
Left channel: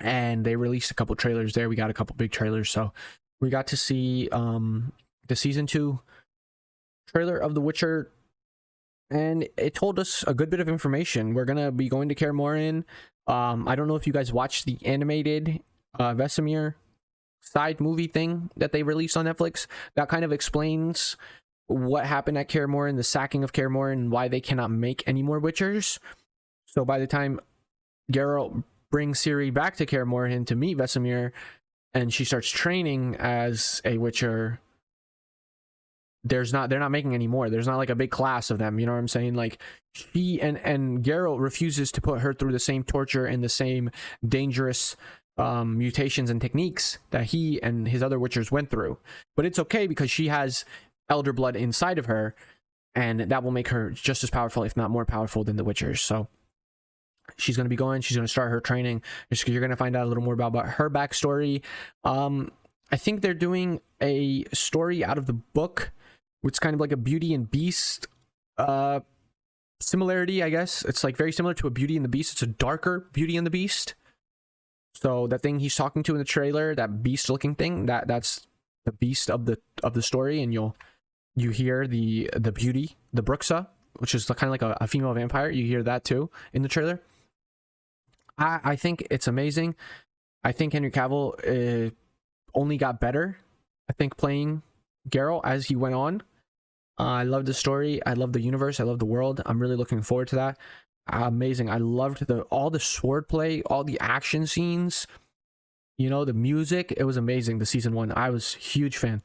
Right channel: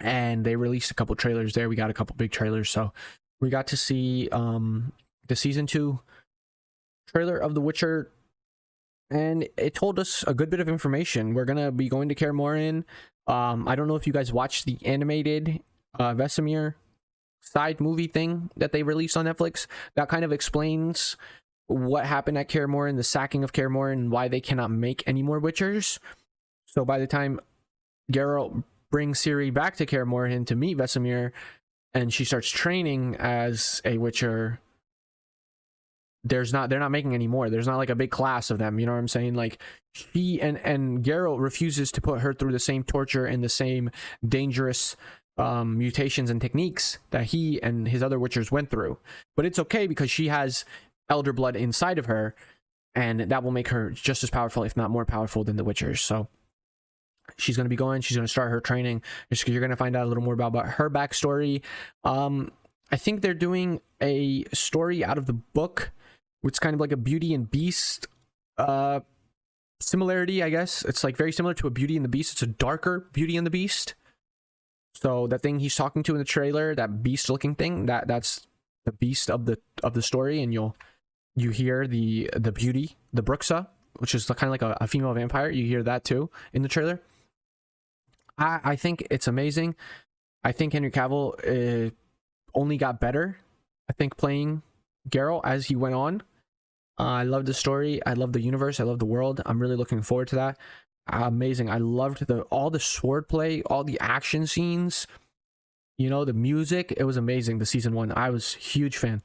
And they released a couple trailers there. We got a couple big trailers. So we got to see the season 2 trailer of The Witcher. And it told us a good bit of information. We're gonna be going to Kaer Morhen. I don't know if you guys watched the animated Vesemir side movie thing that they released on Netflix. That kind of explains what happened at Kaer Morhen, the sacking of Kaer Morhen, and why they cannot make any more Witchers. So by the time Geralt brings Ciri back to Kaer Morhen to meet Vesemir, and she starts training as a Witcher, they're not making any more. There's not like a big class of them. You know what I'm saying? Like, she and Geralt refuses to put her through the same torture and the same dangerous mutations and techniques that he and his other Witchers went through. But it's okay because she has elder blood inside of her, and that will make her just as powerful, if not more powerful, than the Witchers. So she's going to start her training. You're going to find out a little more about her backstory. I think they're doing a story out of the book, which is kind of like a Beauty and Beast similarity, I guess. It's like very similar to a Beauty and the Beast. It's a darker Beauty and the Beast. So that thing he's talking to in the trailer, that beast-looking thing, that's the beast of the story, and you hear the beauty, the Bruxa, which is kind of like a female vampire. You hear that too in the trailer. I think it's amazing. I think Henry Cavill only got better, I think, playing Geralt as he went on. I love the story. I love the universe. I love the world. I'm really looking forward to that. Amazing. I loved all the swordplay, all the action scenes, the music. It was amazing. The season 1, I was a huge fan.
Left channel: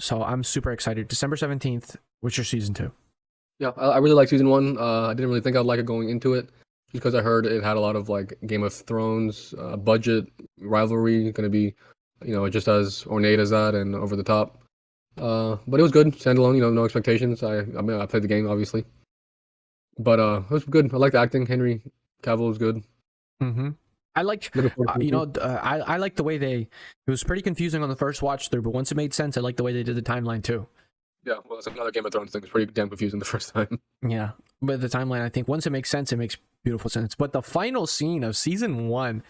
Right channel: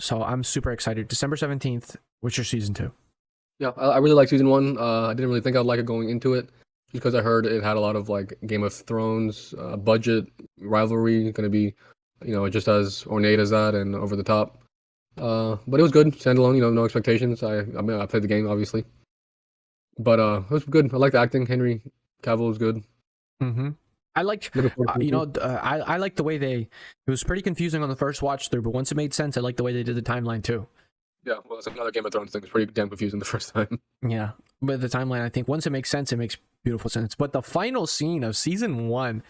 So I'm super excited. December 17th, Witcher season 2. Yeah, I really like season 1. I didn't really think I'd like it going into it, because I heard it had a lot of like Game of Thrones budget rivalry, going to be, just as ornate as that and over the top. But it was good, standalone. No expectations. I played the game, obviously. But it was good. I liked the acting. Henry Cavill was good. Mm-hmm. I liked, I liked the way it was pretty confusing on the first watch through, but once it made sense, I liked the way they did the timeline too. Yeah, well, that's another Game of Thrones thing. It's pretty damn confusing the first time. Yeah, but the timeline, I think once it makes sense, it makes beautiful sense. But the final scene of season 1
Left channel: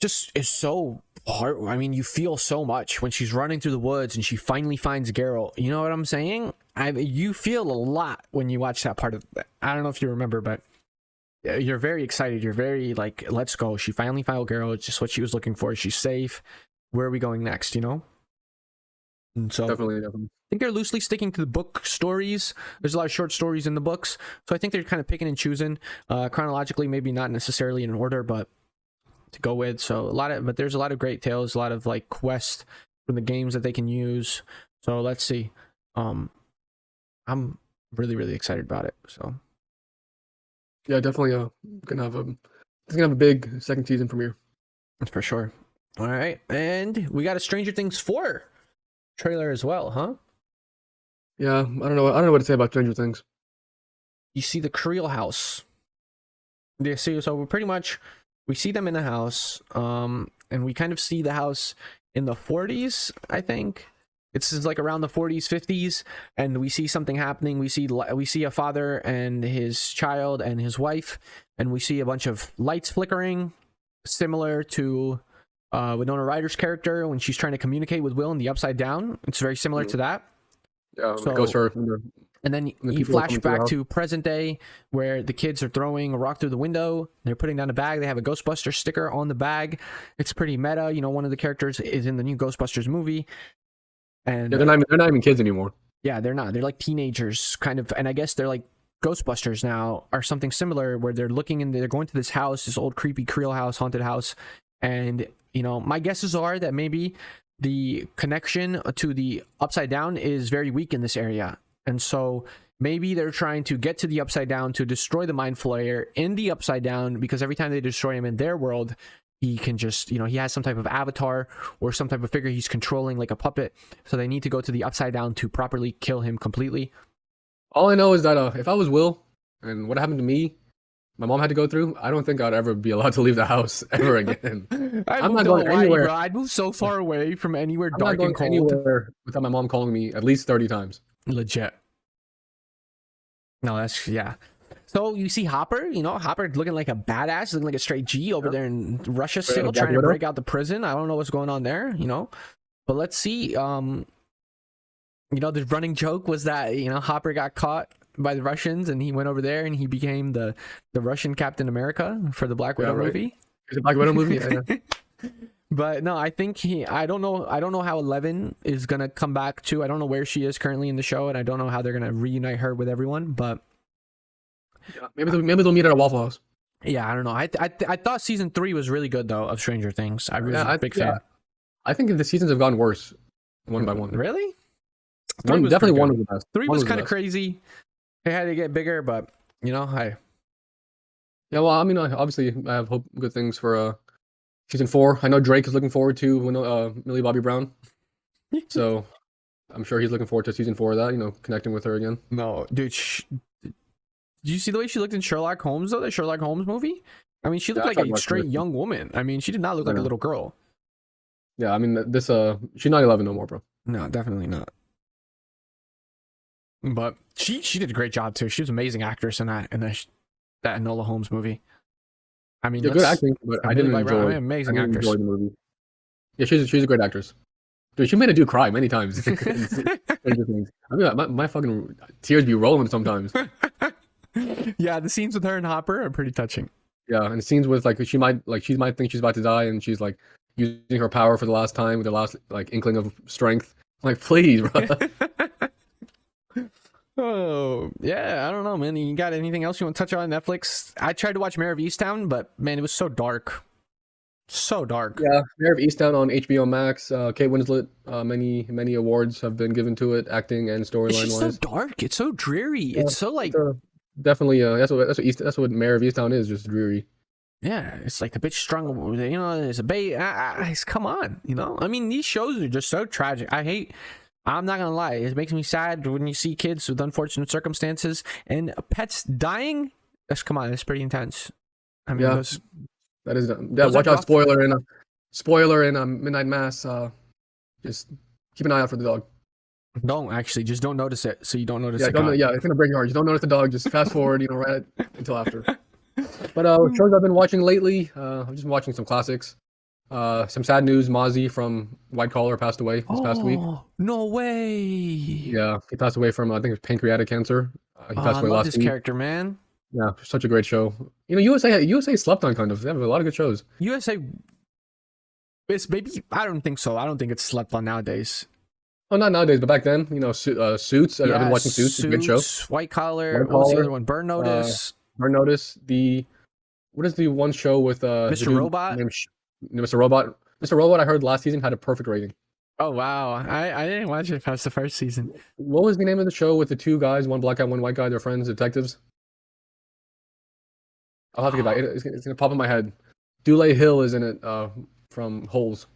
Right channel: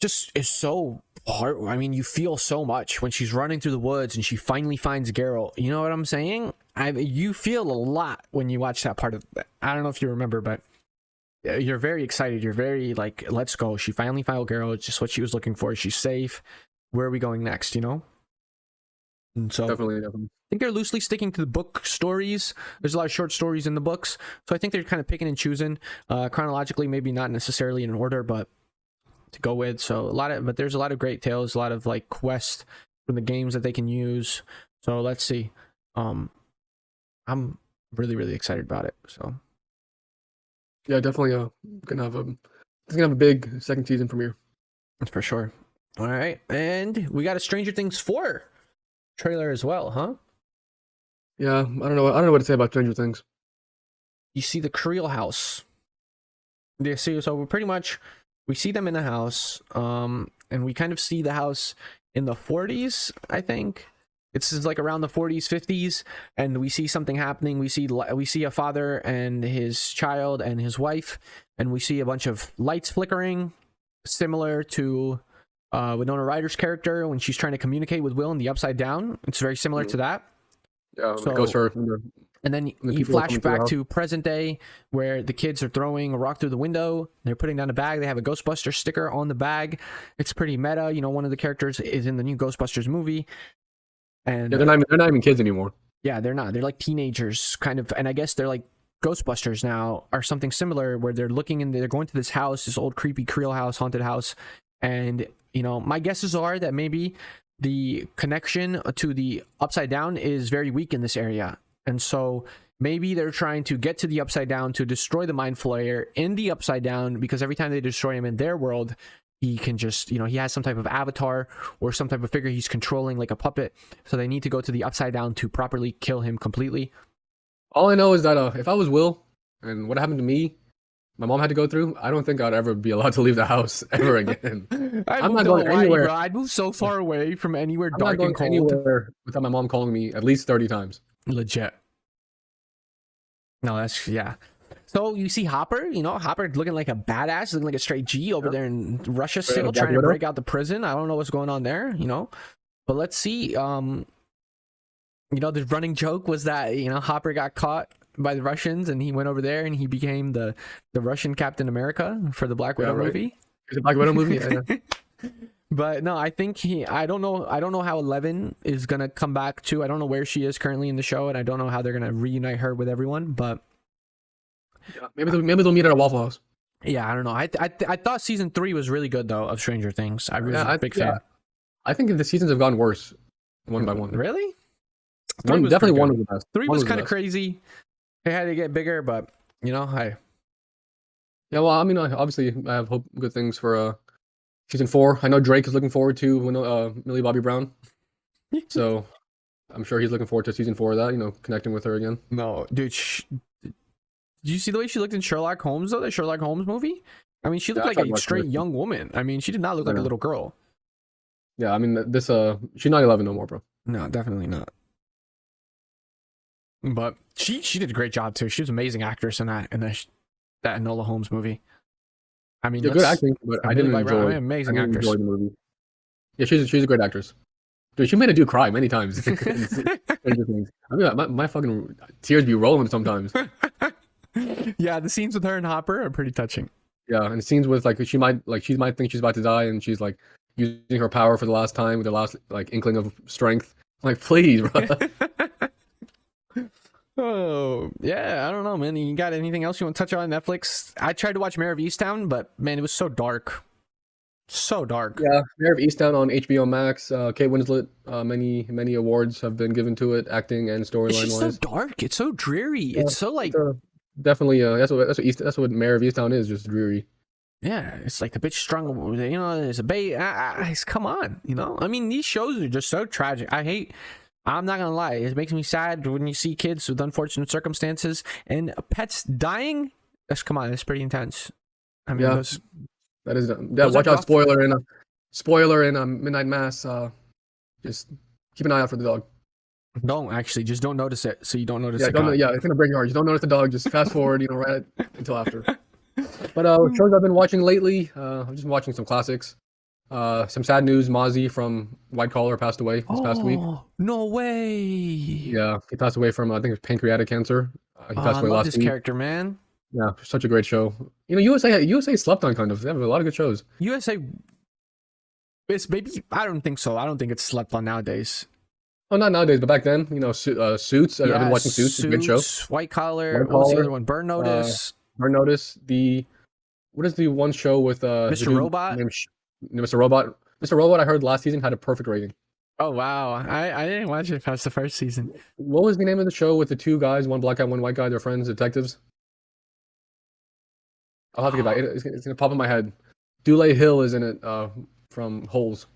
just is so hard. I mean, you feel so much when she's running through the woods and she finally finds Geralt. You know what I'm saying? You feel a lot when you watch that part of. I don't know if you remember, but you're very excited. You're very like, let's go. She finally found Geralt. It's just what she was looking for. She's safe. Where are we going next? You know. And so Definitely. I think they're loosely sticking to the book stories. There's a lot of short stories in the books, so I think they're kind of picking and choosing chronologically, maybe not necessarily in order, but to go with. So but there's a lot of great tales, a lot of like quests from the games that they can use. So let's see. I'm really excited about it. So Yeah, definitely. It's gonna have a big second season premiere. that's for sure. All right, and we got a Stranger Things 4 trailer as well, huh? Yeah, I don't know what to say about Stranger Things. You see the Creel house. They see, so we're pretty much, we see them in a house, and we kind of see the house in the 40s, I think. It's like around the 40s, 50s, and we see something happening. We see a father and his child and his wife, and we see a bunch of lights flickering, similar to Winona Ryder's character when she's trying to communicate with Will in the Upside Down. It's very similar to that. Yeah, So- it goes for And then you people flash coming through the back house. to present day where the kids are throwing a rock through the window. They're putting down a bag. They have a Ghostbuster sticker on the bag. It's pretty meta. You know, one of the characters is in the new Ghostbusters movie. And yeah, they're not even kids anymore. yeah, they're not. They're like teenagers, kind of. And I guess they're like Ghostbusters now, or something similar, where they're looking and they're going to this house, this old creepy Creel house, haunted house. And, you know, my guesses are that maybe the connection to the Upside Down is very weak in this area. And so maybe they're trying to get to the Upside Down to destroy the Mind Flayer in the Upside Down, because every time they destroy him in their world, he can just, you know, he has some type of avatar or some type of figure he's controlling like a puppet. So they need to go to the Upside Down to properly kill him completely. All I know is that if I was Will and what happened to me, my mom had to go through, I don't think I'd ever be allowed to leave the house ever again. I'm not going anywhere. bro. I'd move so far away from anywhere I'm not dark going and cold. anywhere without my mom calling me at least 30 times. Legit. No, that's, yeah. So you see Hopper, you know, Hopper looking like a badass, looking like a straight G over there in Russia Straight still, out of Black trying to Widow. break out the prison. I don't know what's going on there, you know. But let's see. You know, the running joke was that, you know, Hopper got caught by the Russians and he went over there and he became the Russian Captain America for the Black Widow right. movie. Is it Black Widow movie? Yeah. But no, I think I don't know how Eleven is gonna come back to. I don't know where she is currently in the show, and I don't know how they're gonna reunite her with everyone. But Yeah, maybe they'll meet at a Waffle House. yeah, I don't know. I thought season 3 was really good though of Stranger Things. I really liked it. I think the seasons have gotten worse one by one. Really? One was definitely pretty one good. of the best. 3 One was the kind of best. crazy. It had to get bigger, but you know, Yeah, well, I mean, obviously, I have good things for season 4. I know Drake is looking forward to Millie Bobby Brown, so I'm sure he's looking forward to season 4 of that. You know, connecting with her again. no, dude. Did you see the way she looked in Sherlock Holmes though? The Sherlock Holmes movie. I mean, she looked Yeah, I like tried a watching straight it. young woman. I mean, she did not look like a Yeah. little girl. Yeah, I mean, this she's not 11 no more, bro. No, definitely not. But she did a great job too. She was an amazing actress in that that Enola Holmes movie. I mean, Yeah, good acting, but I didn't like enjoy. an amazing I didn't actress. enjoy the movie. Yeah, she's a great actress. Dude, she made a dude cry many times. in Stranger Things. I mean, my fucking tears be rolling sometimes. Yeah, the scenes with her and Hopper are pretty touching. Yeah, and scenes with she might think she's about to die, and she's like using her power for the last time with the last like inkling of strength. I'm like, please, bro. Oh, yeah, I don't know, man. You got anything else you want to touch on Netflix? I tried to watch Mayor of Easttown, but man, it was so dark. So dark. Yeah, Mayor of Easttown on HBO Max. Kate Winslet. Many awards have been given to it, acting and It's storyline just so wise. dark. It's so dreary. It's so like, Definitely, that's what Mayor of Easttown is, just dreary. yeah, it's like the bitch strung. You know, there's a bait. Come on, you know. I mean, these shows are just so tragic. I'm not gonna lie. It makes me sad when you see kids with unfortunate circumstances and pets dying. Come on, it's pretty intense. I mean, Yeah. those, That is, Those are watch out! rough. Spoiler in Midnight Mass. Just keep an eye out for the dog. Don't actually, just don't notice it, so you don't notice Yeah, it don't know. got. Yeah, it's gonna break your heart. Just don't notice the dog. Just fast forward, right until after. But shows I've been watching lately. I've just been watching some classics. Some sad news. Mozzie from White Collar passed away this past week. Oh, no way. Yeah, he passed away from I think it was pancreatic cancer. He Oh, passed I away love last this week. character, man. Yeah, such a great show. USA slept on kind of. They have a lot of good shows. USA, it's maybe, I don't think so. I don't think it's slept on nowadays. Oh, not nowadays, but back then, Suits. I've been Yeah, watching Suits. It's a good show. Suits, White Collar. White What was the other Collar. one? Burn Uh, Notice, Burn Notice. What is the one show with the Mr. dude Robot. named Mr. Robot? Mr. Robot. I heard last season had a perfect rating. Oh wow, I didn't watch it past the first season. What was the name of the show with the two guys, one black guy, one white guy? They're friends, detectives. I'll have to get back. It's gonna pop in my head. Dule Hill is in it. From Holes.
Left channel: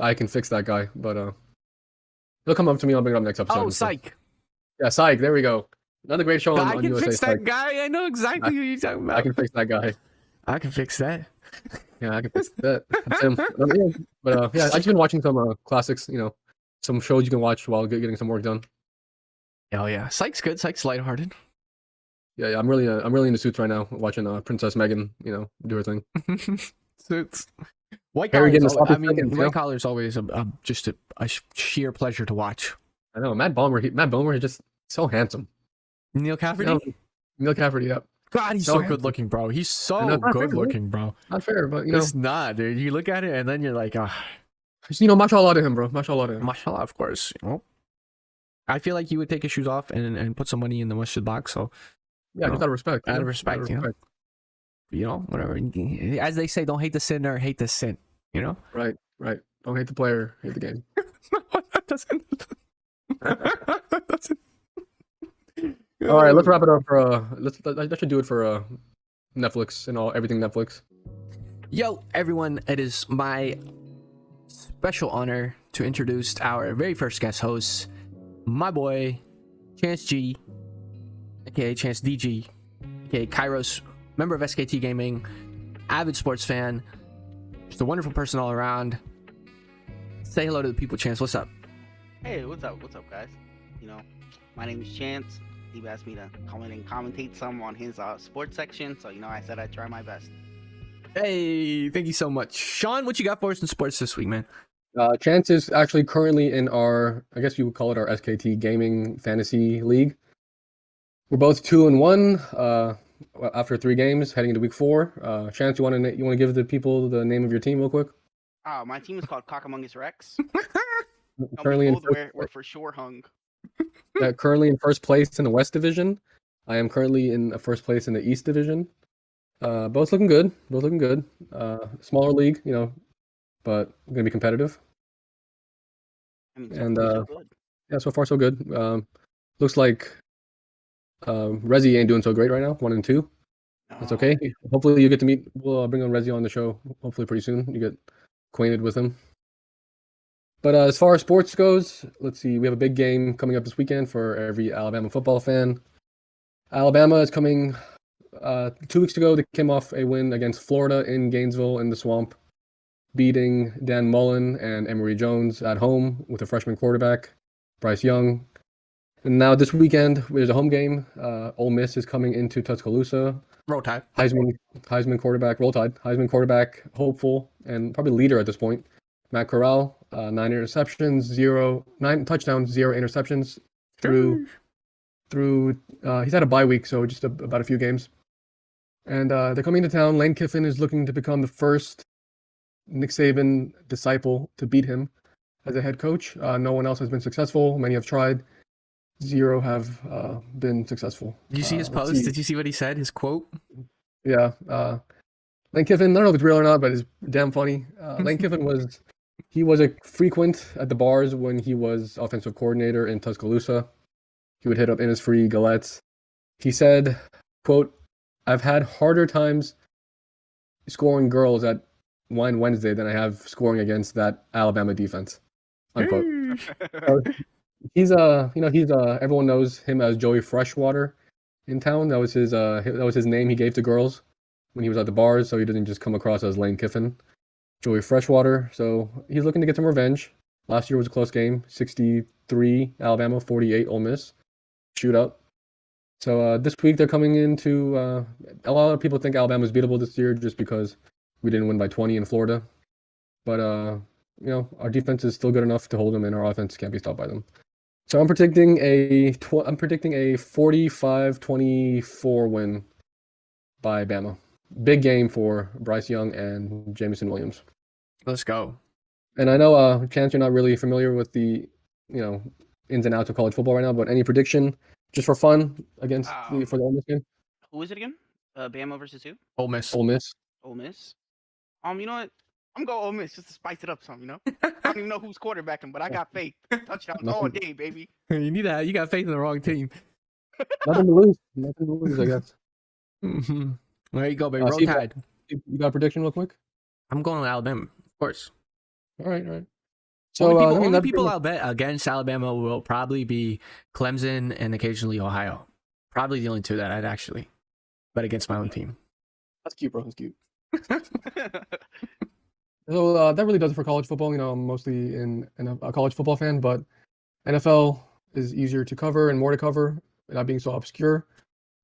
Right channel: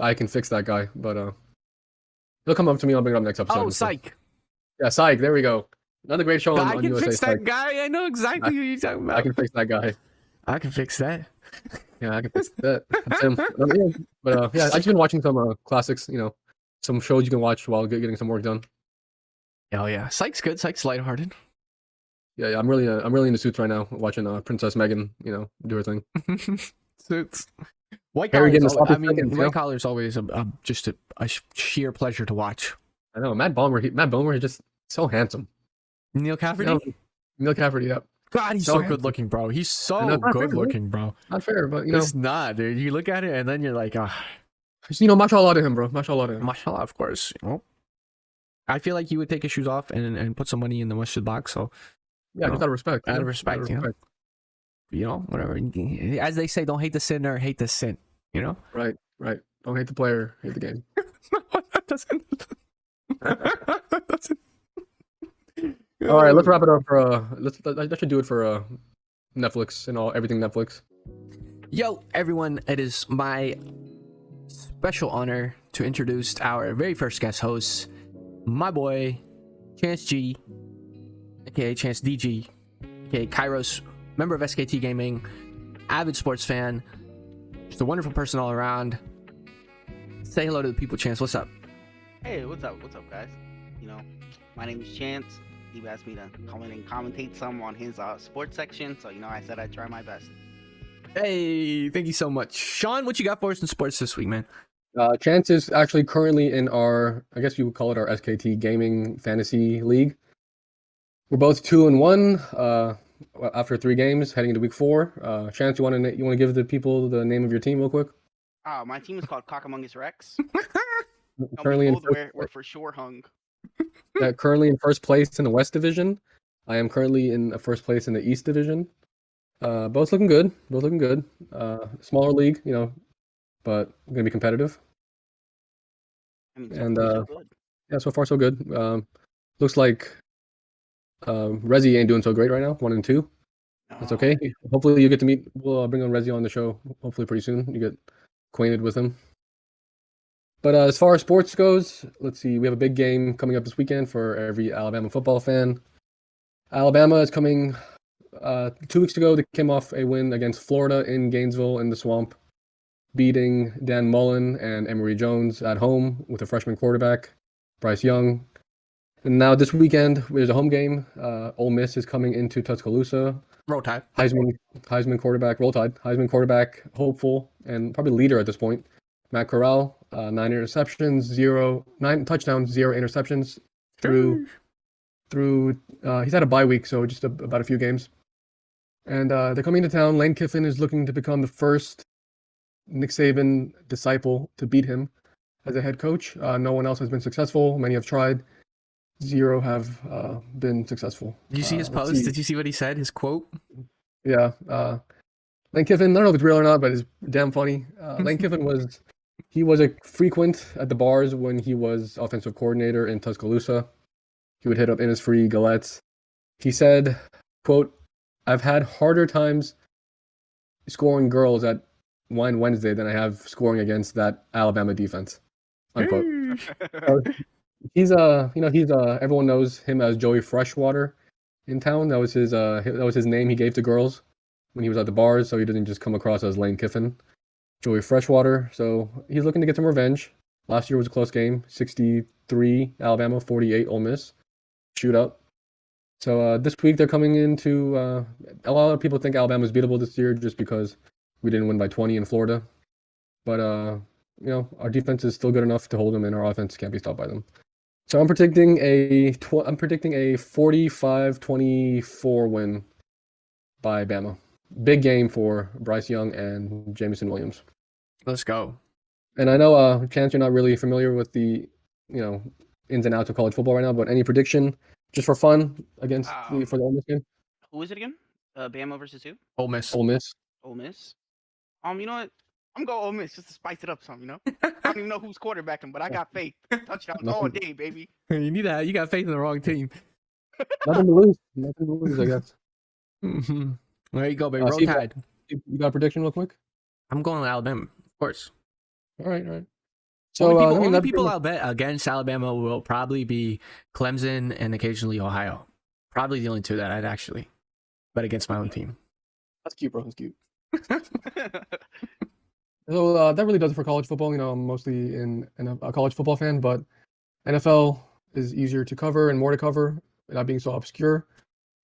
I can fix that guy, but he'll come up to me. I'll bring it up next episode. Oh, Psych. Yeah, Psych. There we go. Another great show I on can USA. fix Psych. that guy. I know exactly who you're talking about. I can fix that guy. I can fix that. Yeah, I can fix that. That's him. Yeah, I've just been watching some classics. Some shows you can watch while getting some work done. Oh yeah, Psych's good. Psych's lighthearted. Yeah, I'm really into Suits right now. Watching Princess Megan, do her thing. Suits. White Harry Collar. getting the sloppy seconds, White Collar is always just a sheer pleasure to watch. I know Matt Bomer is just so handsome. Neil Cafferty. Neil Cafferty, yeah. God, he's so good looking, bro. He's so good looking, bro. Not fair, but it's not, dude. You look at it and then you're like, mashallah to him, bro. Mashallah to him. Mashallah, of course. I feel like you would take his shoes off and put some money in the masjid box. So yeah, just out of respect. Out of respect, whatever. As they say, don't hate the sinner, hate the sin. All right, let's wrap it up for that should do it for Netflix and everything Netflix. Yo, everyone, it is my special honor to introduce our very first guest host, my boy, Chance G, aka Chance DG, aka Kairos, member of SKT Gaming, avid sports fan, just a wonderful person all around. Say hello to the people, Chance. What's up? Hey, what's up, guys? My name is Chance. He asked me to come in and commentate some on his sports section, so I said I'd try my best. Hey, thank you so much. Sean, what you got for us in sports this week, man? Chance is actually currently in our, I guess you would call it our SKT Gaming Fantasy League. We're both 2-1 after 3 games, heading into week 4. Chance, you want to give the people the name of your team real quick? My team is called Cockamungus Rex. Currently we're for sure hung. Currently in first place in the West Division. I am currently in first place in the East Division. Both looking good. Smaller league, but really competitive. And yeah, so far so good. Looks like Rezi ain't doing so great right now. 1-2. That's okay. Hopefully you get to meet. We'll bring on Rezi on the show. Hopefully pretty soon. You get acquainted with him. But as far as sports goes, let's see. We have a big game coming up this weekend for every Alabama football fan. 2 weeks ago, they came off a win against Florida in Gainesville in the Swamp, beating Dan Mullen and Emory Jones at home with a freshman quarterback, Bryce Young. And now this weekend, there's a home game. Ole Miss is coming into Tuscaloosa. Roll Tide. Heisman quarterback, Roll Tide. Heisman quarterback, hopeful, and probably leader at this point. Matt Corral, 9 interceptions, 9 touchdowns, 0 interceptions through he's had a bye week, so just about a few games. And they're coming to town. Lane Kiffin is looking to become the first Nick Saban disciple to beat him as a head coach. No one else has been successful. Many have tried. 0 have been successful. Did you see his post? Did you see what he said? His quote? Yeah. Lane Kiffin, I don't know if it's real or not, but it's damn funny. Lane Kiffin was a frequent at the bars when he was offensive coordinator in Tuscaloosa. He would hit up Innisfree, Gillettes. He said, quote, "I've had harder times scoring girls at Wine Wednesday than I have scoring against that Alabama defense." Unquote. So he's everyone knows him as Joey Freshwater in town. That was his name he gave to girls when he was at the bars, so he didn't just come across as Lane Kiffin. Joey Freshwater. So he's looking to get some revenge. Last year was a close game, 63 Alabama, 48 Ole Miss, shootout. So this week they're coming into. A lot of people think Alabama's beatable this year just because we didn't win by 20 in Florida, but our defense is still good enough to hold them, and our offense can't be stopped by them. So I'm predicting a 45-24 win by Bama. Big game for Bryce Young and Jamison Williams. Let's go. And I know, Chance, you're not really familiar with the, any prediction, just for fun against for the Ole Miss game. Who is it again? Bama versus who? Ole Miss. Ole Miss. Ole Miss. You know what? I'm going Ole Miss just to spice it up some. I don't even know who's quarterbacking, but I got faith. Touchdowns all day, baby. You need that. You got faith in the wrong team. Nothing to lose. Nothing to lose, I guess. Mm-hmm. There you go, baby. Roll Steve, Tide. you got a prediction real quick? I'm going to Alabama, of course. All right. So only people I'll bet against Alabama will probably be Clemson and occasionally Ohio. Probably the only two that I'd actually bet against my own team. That's cute, bro. That's cute. So that really does it for college football. I'm mostly a college football fan, but NFL is easier to cover and more to cover, not being so obscure.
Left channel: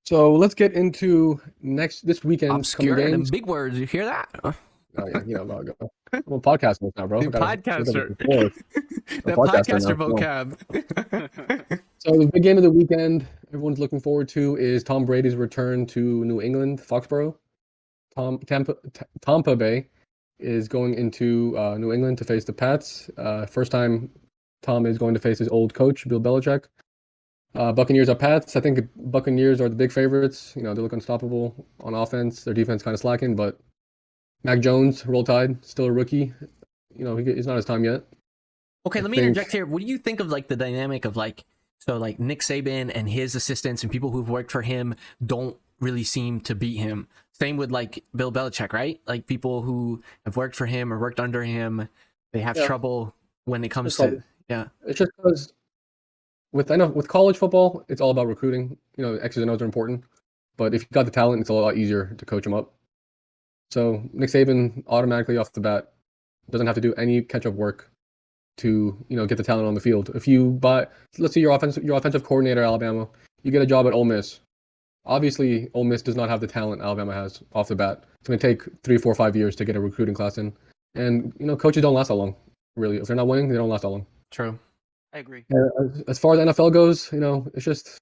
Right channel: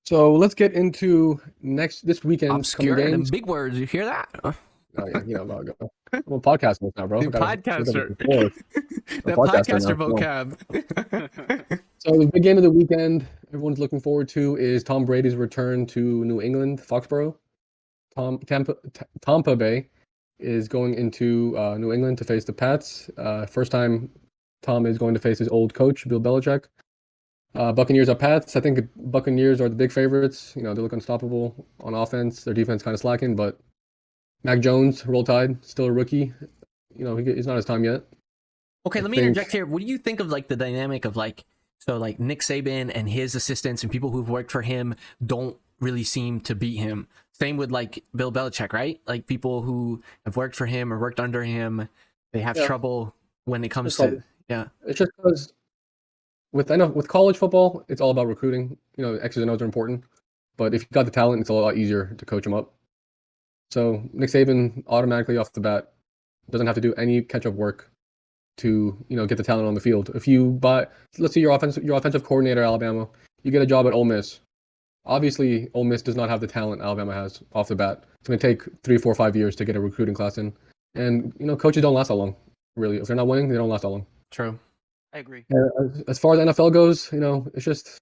So let's get into this weekend. Obscure and big words. You hear that? Oh yeah, I'm a podcaster now, bro. Podcaster. The podcaster vocab. So the big game of the weekend everyone's looking forward to is Tom Brady's return to New England, Foxborough. Tampa Bay is going into New England to face the Pats. First time Tom is going to face his old coach, Bill Belichick. Buccaneers are Pats. I think Buccaneers are the big favorites. They look unstoppable on offense. Their defense kind of slacking, but Mac Jones, Roll Tide, still a rookie. He's not his time yet. Okay, let me interject here. What do you think of the dynamic of Nick Saban and his assistants and people who've worked for him don't really seem to beat him? Same with Bill Belichick, right? People who have worked for him or worked under him, they have trouble when it comes to it. With college football, it's all about recruiting. X's and O's are important. So Nick Saban automatically off the bat doesn't have to do any catch-up work to get the talent on the field. If you let's say your offensive coordinator at Alabama, you get a job at Ole Miss. Obviously, Ole Miss does not have the talent Alabama has off the bat. It's going to take 3, 4, 5 years to get a recruiting class in. And coaches don't last that long, really. If they're not winning, they don't last that long. True. I agree. As far as NFL goes, it's just,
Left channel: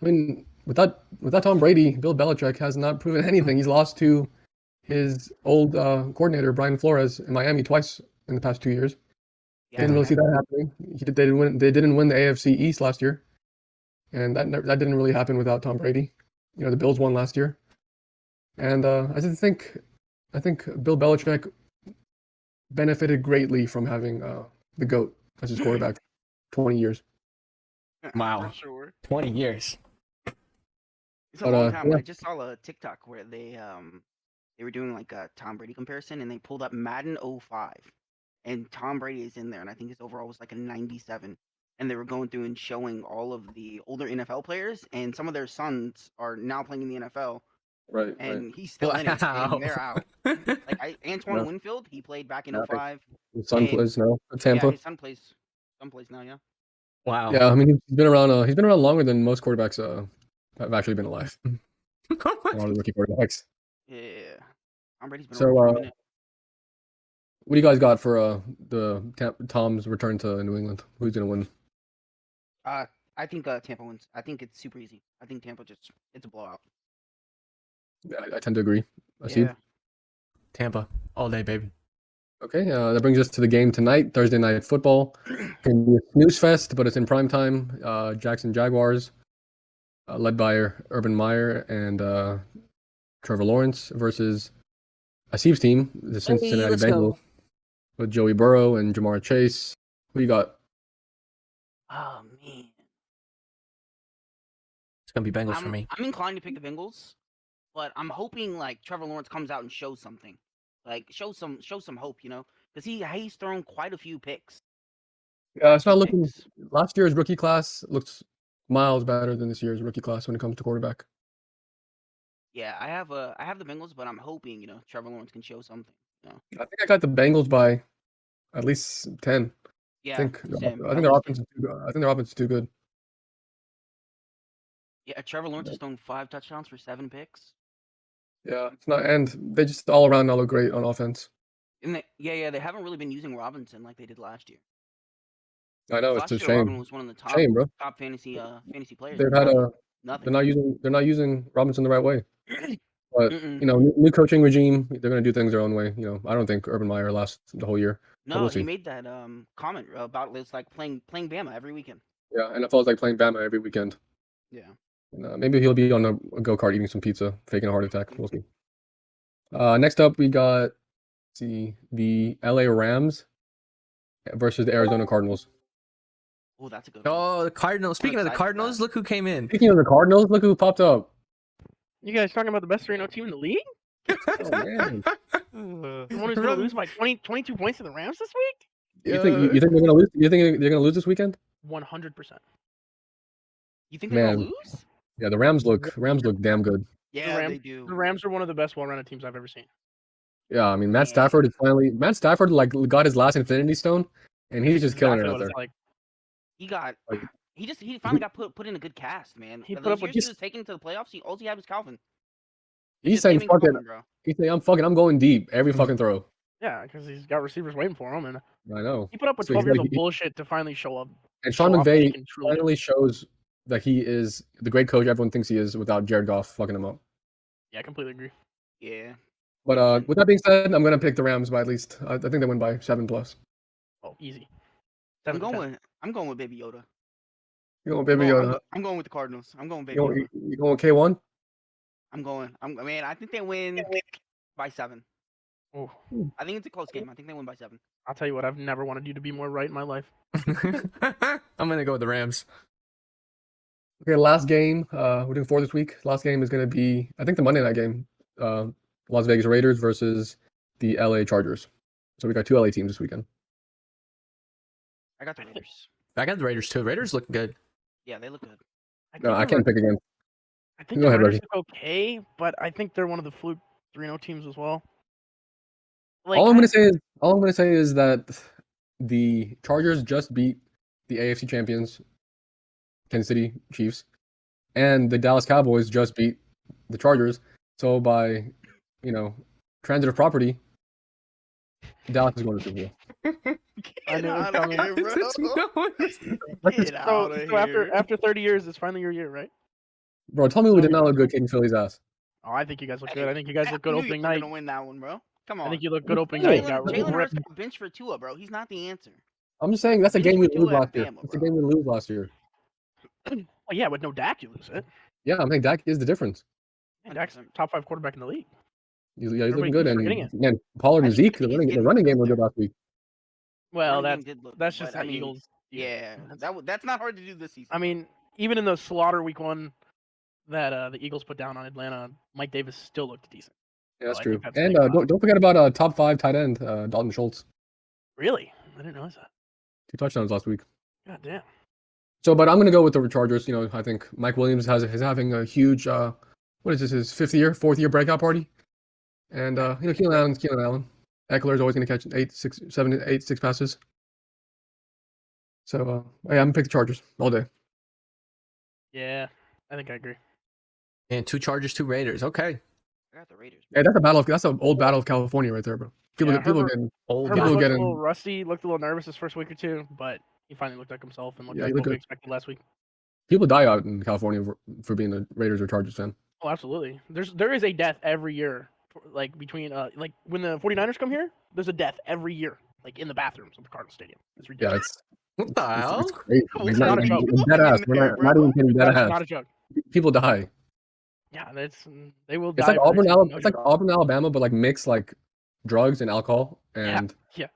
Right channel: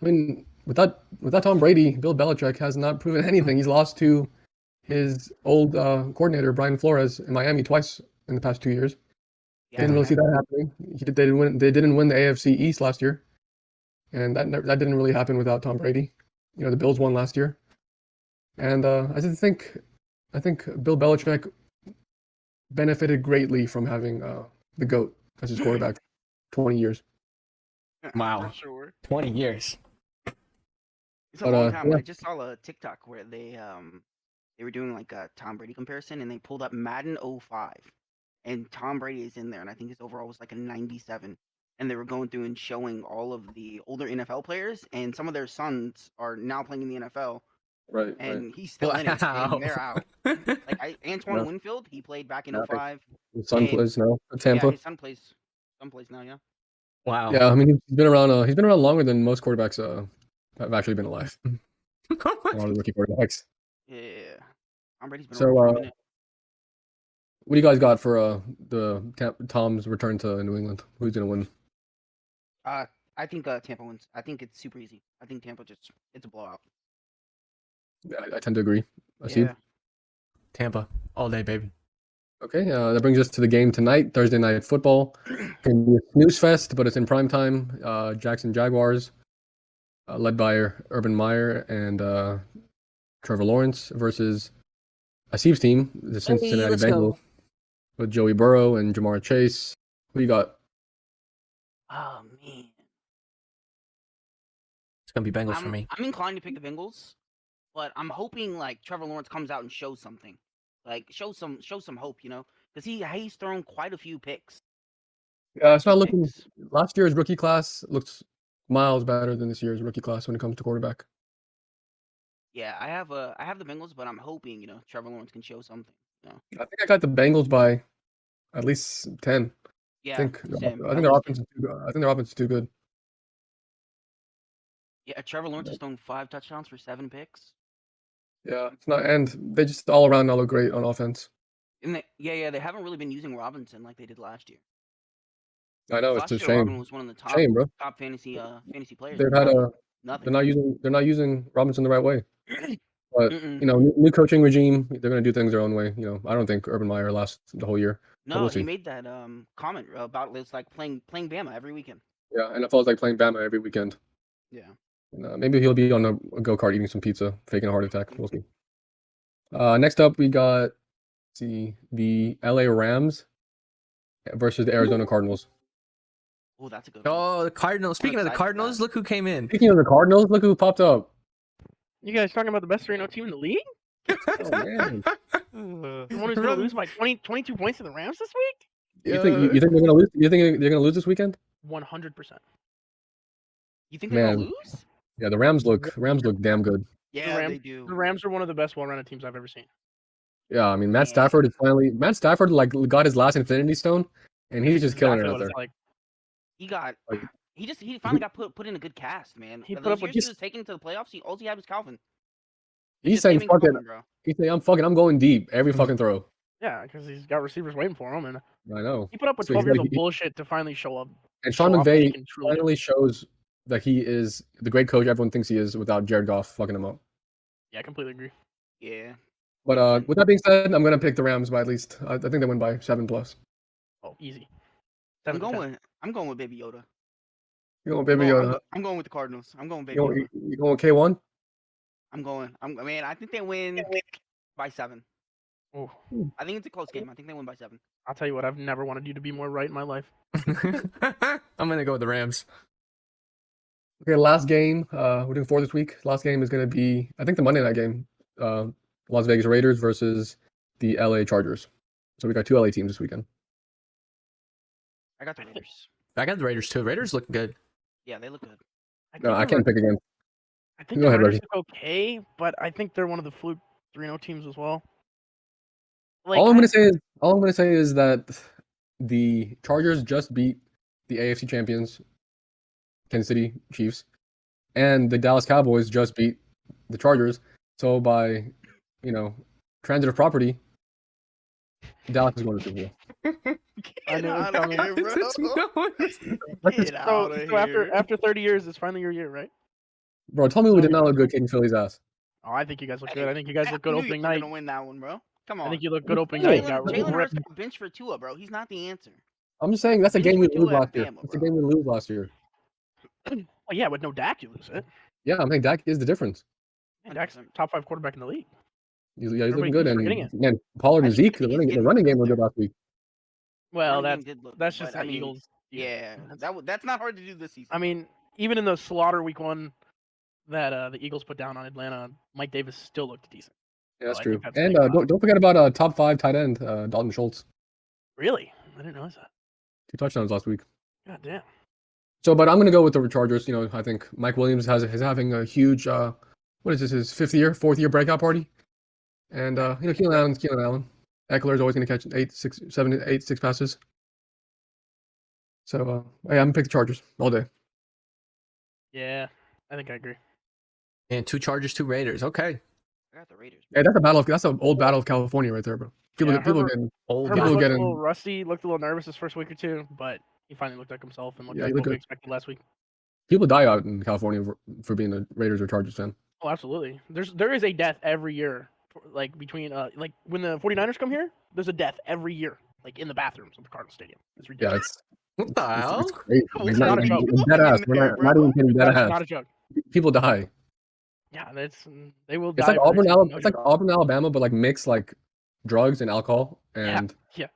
with that Tom Brady, Bill Belichick has not proven anything. He's lost to his old coordinator, Brian Flores, in Miami twice in the past 2 years. Yeah, didn't really see that happening. They didn't win the AFC East last year, and that didn't really happen without Tom Brady. The Bills won last year, and I think Bill Belichick benefited greatly from having the GOAT as his quarterback. 20 years. Wow. For sure. 20 years. It's a long time. Yeah. I just saw a TikTok where they were doing a Tom Brady comparison, and they pulled up Madden 05, and Tom Brady is in there, and I think his overall was a 97. And they were going through and showing all of the older NFL players, and some of their sons are now playing in the NFL. Right. And he's still in it, and they're out. Antoine Winfield, he played back in 05. His son plays now at Tampa. Yeah, his son plays now, yeah. Wow. Yeah, he's been around. He's been around longer than most quarterbacks have actually been alive. A lot of rookie quarterbacks. Yeah. Tom Brady's been around for a minute. What do you guys got for Tom's return to New England? Who's gonna win? I think Tampa wins. I think it's super easy. I think Tampa it's a blowout. Yeah, I tend to agree. Tampa all day, baby. Okay, that brings us to the game tonight, Thursday night football. It's going to be a snooze fest, but it's in prime time. Jackson Jaguars, led by Urban Meyer and Trevor Lawrence versus Asib's team, the Cincinnati Bengals, with Joey Burrow and Jamar Chase. Who you got? Oh, man. It's going to be Bengals for me. I'm inclined to pick the Bengals, but I'm hoping Trevor Lawrence comes out and shows something. Show some hope, because he's thrown quite a few picks. Yeah, it's not looking. Last year's rookie class looks miles better than this year's rookie class when it comes to quarterback. Yeah, I have the Bengals, but I'm hoping Trevor Lawrence can show something. I think I got the Bengals by at least 10. Yeah, think same. I think their offense is too good. I think their offense is too good. Yeah, Trevor Lawrence is throwing 5 touchdowns for 7 picks. Yeah, it's not, and they just all around now look great on offense. And they haven't really been using Robinson like they did last year. I know, it's Last a year, shame. Robin was one of the Shame, bro. top fantasy players. They've and had now a nothing. they're not using Robinson the right way. But Mm-mm. you know, new coaching regime, they're gonna do things their own way. You know, I don't think Urban Meyer lasts the whole year. But No, we'll he see. made that comment about it's like playing Bama every weekend. Yeah, NFL is like playing Bama every weekend. Yeah. And, maybe he'll be on a go kart eating some pizza, faking a heart attack. We'll see. Next up, we got let's see the LA Rams versus the Arizona Cardinals. Oh, that's a good one. Oh, the Cardinals. Speaking of the excited for Cardinals, that. look who came in. Speaking of the Cardinals, look who popped up. You guys talking about the best 3-0 team in the league? Oh, man. Someone who's going to lose by 22 points to the Rams this week? You think they're gonna lose? You think they're gonna lose this weekend? You think they're gonna Man. lose? Yeah, the Rams look damn good. Yeah, Rams- they do. The Rams are one of the best well-rounded teams I've ever seen. Yeah, I mean Matt Yeah. Stafford like got his last Infinity Stone, and he's just killing it out what there. it's like. He finally got put in a good cast, man. He Those put up with years he was taken to the playoffs, all he had was Calvin. He's just saying naming fuck it. Calvin, bro. He's saying I'm going deep every fucking throw. Yeah, because he's got receivers waiting for him, and I know. he put up with So 12 he's years like- of bullshit to finally show up. And show Sean off that he McVay can truly do finally it. shows that he is the great coach everyone thinks he is without Jared Goff fucking him up. Yeah, I completely agree. Yeah. But with that being said, I'm gonna pick the Rams by at least. I think they win by 7+. Oh, easy. I'm 7-10. going with Baby Yoda. You going Baby Yoda? I'm going with the Cardinals. I'm going Baby You Yoda. going K1? Man, I think they win by 7. Oh, I think it's a close game. I think they win by 7. I'll tell you what, I've never wanted you to be more right in my life. I'm gonna go with the Rams. Okay, last game. We're doing 4 this week. Last game is gonna be, I think, the Monday night game. Las Vegas Raiders versus the LA Chargers. So we got 2 LA teams this weekend. The Raiders look good. Yeah, they look good. No, I can't pick again. I think Go the ahead, Raiders Reggie. look okay, but I think they're one of the fluke 3-0 teams as well. All I'm gonna say is that the Chargers just beat the AFC champions, Kansas City Chiefs, and the Dallas Cowboys just beat the Chargers. So by, transitive property, Dallas is going to the Super Bowl. I knew it was Get outta coming. here, bro. Get So, out of so here. after 30 years, it's finally your year, right? Bro, tell me we did not look good kicking Philly's ass. Oh, I think you guys look good. I think you guys look good I knew opening you were night. gonna win that one, bro. Come on. I think you look good opening Jalen night. Got Hurts ripped. got benched for Tua, bro. He's not the answer. I'm just saying that's a game we Bench lose Tua at last year. Bama, That's a bro. game we lose last year. Oh, yeah, with no Dak, you lose it. Yeah, I'm saying Dak is the difference. And Dak's 100%. top 5 quarterback in the league. He's Everybody looking good, keeps and forgetting it. man, Pollard and I think Zeke, the he's running getting game were there. good last week. Well, Running game did look that's good, just but, the Eagles. Yeah, That's- that's not hard to do this season. I mean, even in the slaughter week 1 that the Eagles put down on Atlanta, Mike Davis still looked decent. Yeah, that's I true. think that's a And big pop. don't forget about top 5 tight end Dalton Schultz. Really? I didn't know that. 2 touchdowns last week. Oh, wow. So, but I'm gonna go with the Chargers. I think Mike Williams is having a huge what is this, his 4th year breakout party, and Keenan Allen. Eckler's always gonna catch 6 passes. So yeah, I'm gonna pick the Chargers all day. Yeah, I think I agree. And 2 Chargers, 2 Raiders. Okay. I got the Raiders. Hey, that's an old battle of California right there, bro. People Herbert- getting Old Herbert People guy. looked getting- a little rusty, looked a little nervous his first week or 2, but he finally looked like himself and looked Yeah, like he what looked we good. expected last week. people die out in California for being a Raiders or Chargers fan. Oh, absolutely. There is a death every year, like between like when the 49ers come here, there's a death every year, like in the bathrooms of the Cardinal Stadium. Yeah, it's What the hell? it's crazy. Well, It's it's not not a joke. dead ass. In We're there, not even bro. kidding. Dead That's ass. not a joke. People die. Yeah, they will It's die. like for Auburn, this, Alabama. no It's like joke. Auburn, Alabama, but like mixed like drugs and alcohol. And Yeah.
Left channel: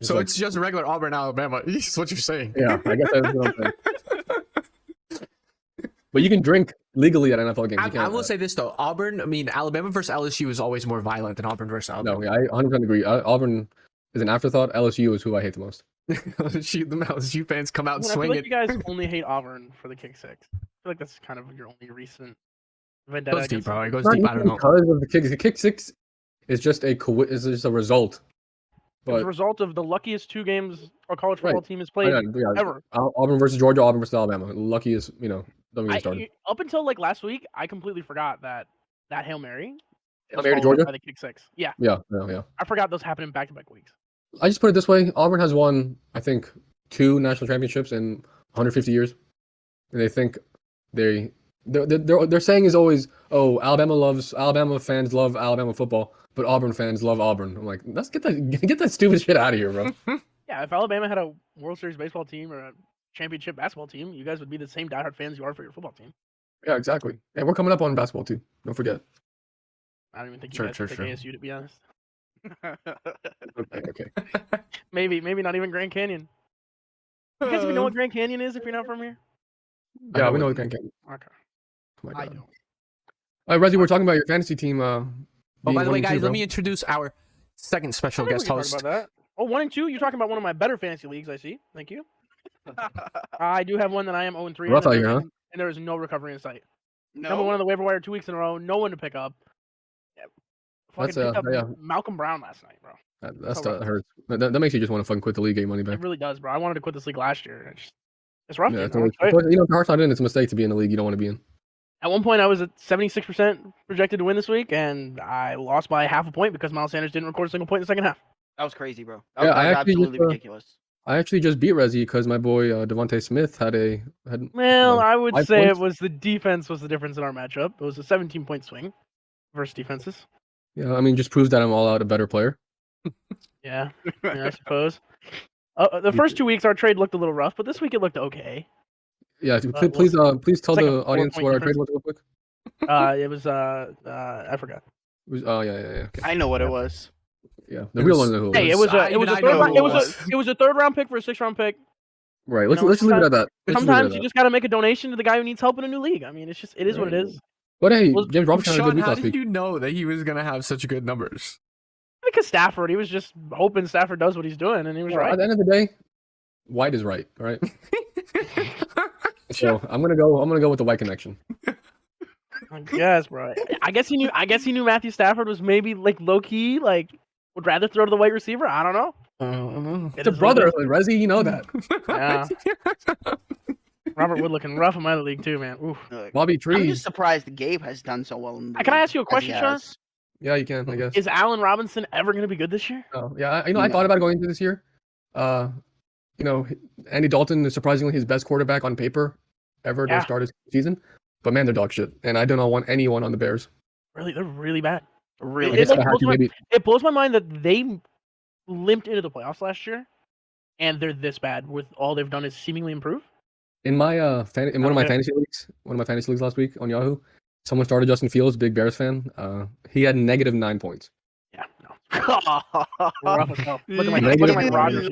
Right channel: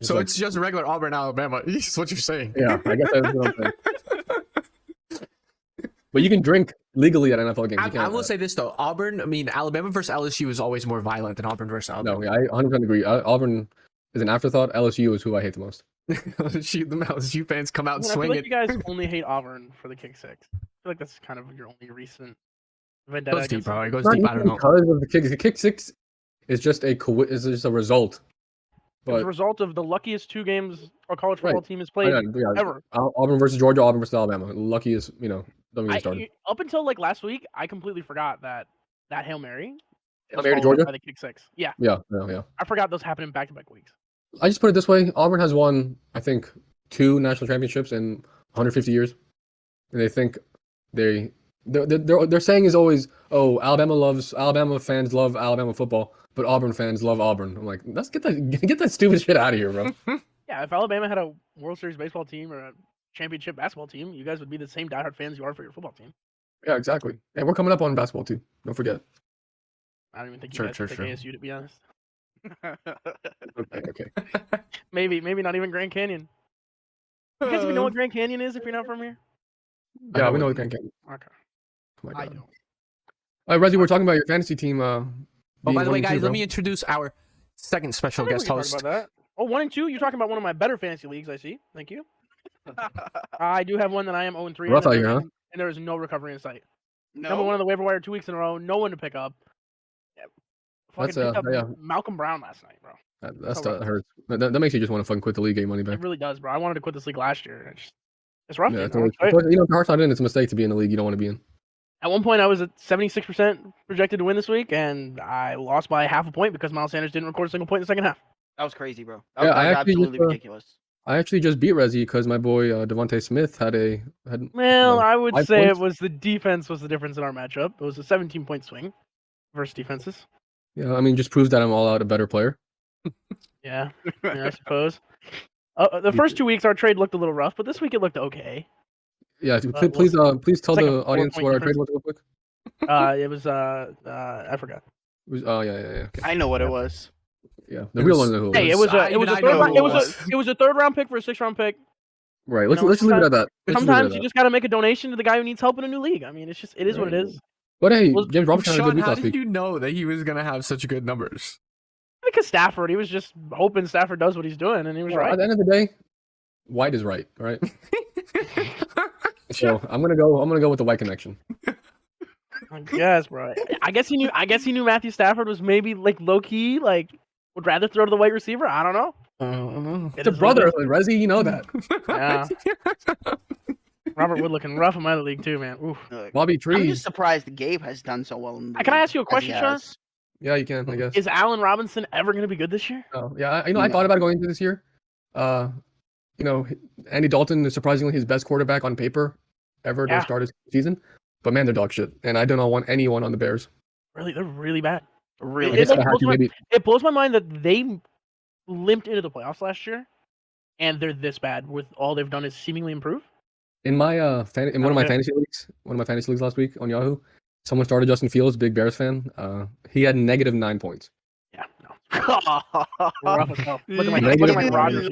So like- it's just regular Auburn, Alabama. Is what you're saying. yeah, I guess that's what I'm saying. But you can drink legally at NFL games. You I can't, will say this though, Alabama versus LSU is always more violent than Auburn versus Alabama. no, I 100% agree. Auburn. Shoot, the LSU fans come out I and mean, I feel swing like it. you guys only hate Auburn for the kick six. I feel like that's kind of your only recent vendetta. Goes deep, against bro. them. It goes Not deep. I don't even know. because of the kick. The kick six is just a result It was But a result of the luckiest 2 games a college Right. football team has played ever. Auburn versus Georgia, Auburn versus Alabama. Luckiest, don't get me started. Up until like last week, I completely forgot that Hail Mary was Mary to followed up Georgia? by the kick 6. Yeah, Yeah. I forgot those happened in back-to-back weeks. I just put it this way: Auburn has won, I think, 2 national championships in 150 years, and they think their saying is always, "Oh, Alabama fans love Alabama football, but Auburn fans love Auburn." I'm like, let's get that stupid shit out of here, bro. Yeah, if Alabama had a World Series baseball team or a championship basketball team, you guys would be the same diehard fans you are for your football team. Yeah, exactly. And we're coming up on basketball too. Don't forget. I don't even think you guys would pick ASU, to be honest. Okay. Maybe not even Grand Canyon. You guys even know what Grand Canyon is if you're not from here? Yeah, we know what Grand Canyon. Okay. Oh my I God. don't. Reggie, we're talking about your fantasy team. Oh, by the way, 1-2, guys, bro. let me introduce our second special I think guest we can host. talk about that. Oh, 1 and 2. You're talking about one of my better fantasy leagues. I see. Thank you. I do have one that I am 0-3 Rough out in, here, huh? and there is no recovery in sight. No. Number 1 on the waiver wire 2 weeks in a row. No one to pick up. Yeah. That's, Fucking picked up yeah. Malcolm Brown last night, bro. That hurts. That makes you just want to fucking quit the league, get your money back. It really does, bro. I wanted to quit this league last year. It's rough. Yeah, Dude, man. if Hart's not in, it's a mistake to be in a league you don't want to be in. At one point, I was at 76% projected to win this week, and I lost by half a point because Miles Sanders didn't record a single point in the second half. That was crazy, bro. Yeah, That I was actually absolutely just, ridiculous. I actually just beat Rezi because my boy Devontae Smith had. Well, I would 5 say points. it was the defense was the difference in our matchup. It was a 17-point swing versus defenses. Yeah, I mean, just proves that I'm all out a better player. Yeah, I suppose. The first 2 weeks, our trade looked a little rough, but this week it looked okay. Yeah, But please tell it's like a the audience 4-point what our trade difference. was real quick. It was I forgot. Right. You Let's know, just leave it at that. Sometimes you just got to make a donation to the guy who needs help in a new league. I mean, it is what it is. But hey, Well, James Robinson had a Sean, good week how last did week. you know that he was gonna have such good numbers? Because Stafford, he was just hoping Stafford does what he's doing, and he was Well, right. At the end of the day, White is right. All right. So I'm gonna go with the White connection. I guess, bro. I guess he knew Matthew Stafford was maybe like low key, like would rather throw to the wide receiver. I don't know. It's a brotherhood, Rezi. You know that. Yeah. Robert Wood looking rough in my league too, man. Oof. Look, Bobby I'm Trees. just surprised Gabe has done so well. In the Can I league ask you a as he question, Sean? has. Yeah, you can. I guess. Is Allen Robinson ever going to be good this year? Oh, yeah. I thought about going into this year. Andy Dalton is surprisingly his best quarterback on paper ever to start his season. But man, they're dog shit, and I do not want anyone on the Bears. Really, they're really bad. Really, It blows my mind that they limped into the playoffs last year, and they're this bad with all they've done is seemingly improve. In my in one of my fantasy leagues last week on Yahoo, someone started Justin Fields, big Bears fan. He had negative 9 points. Look at my Rodgers,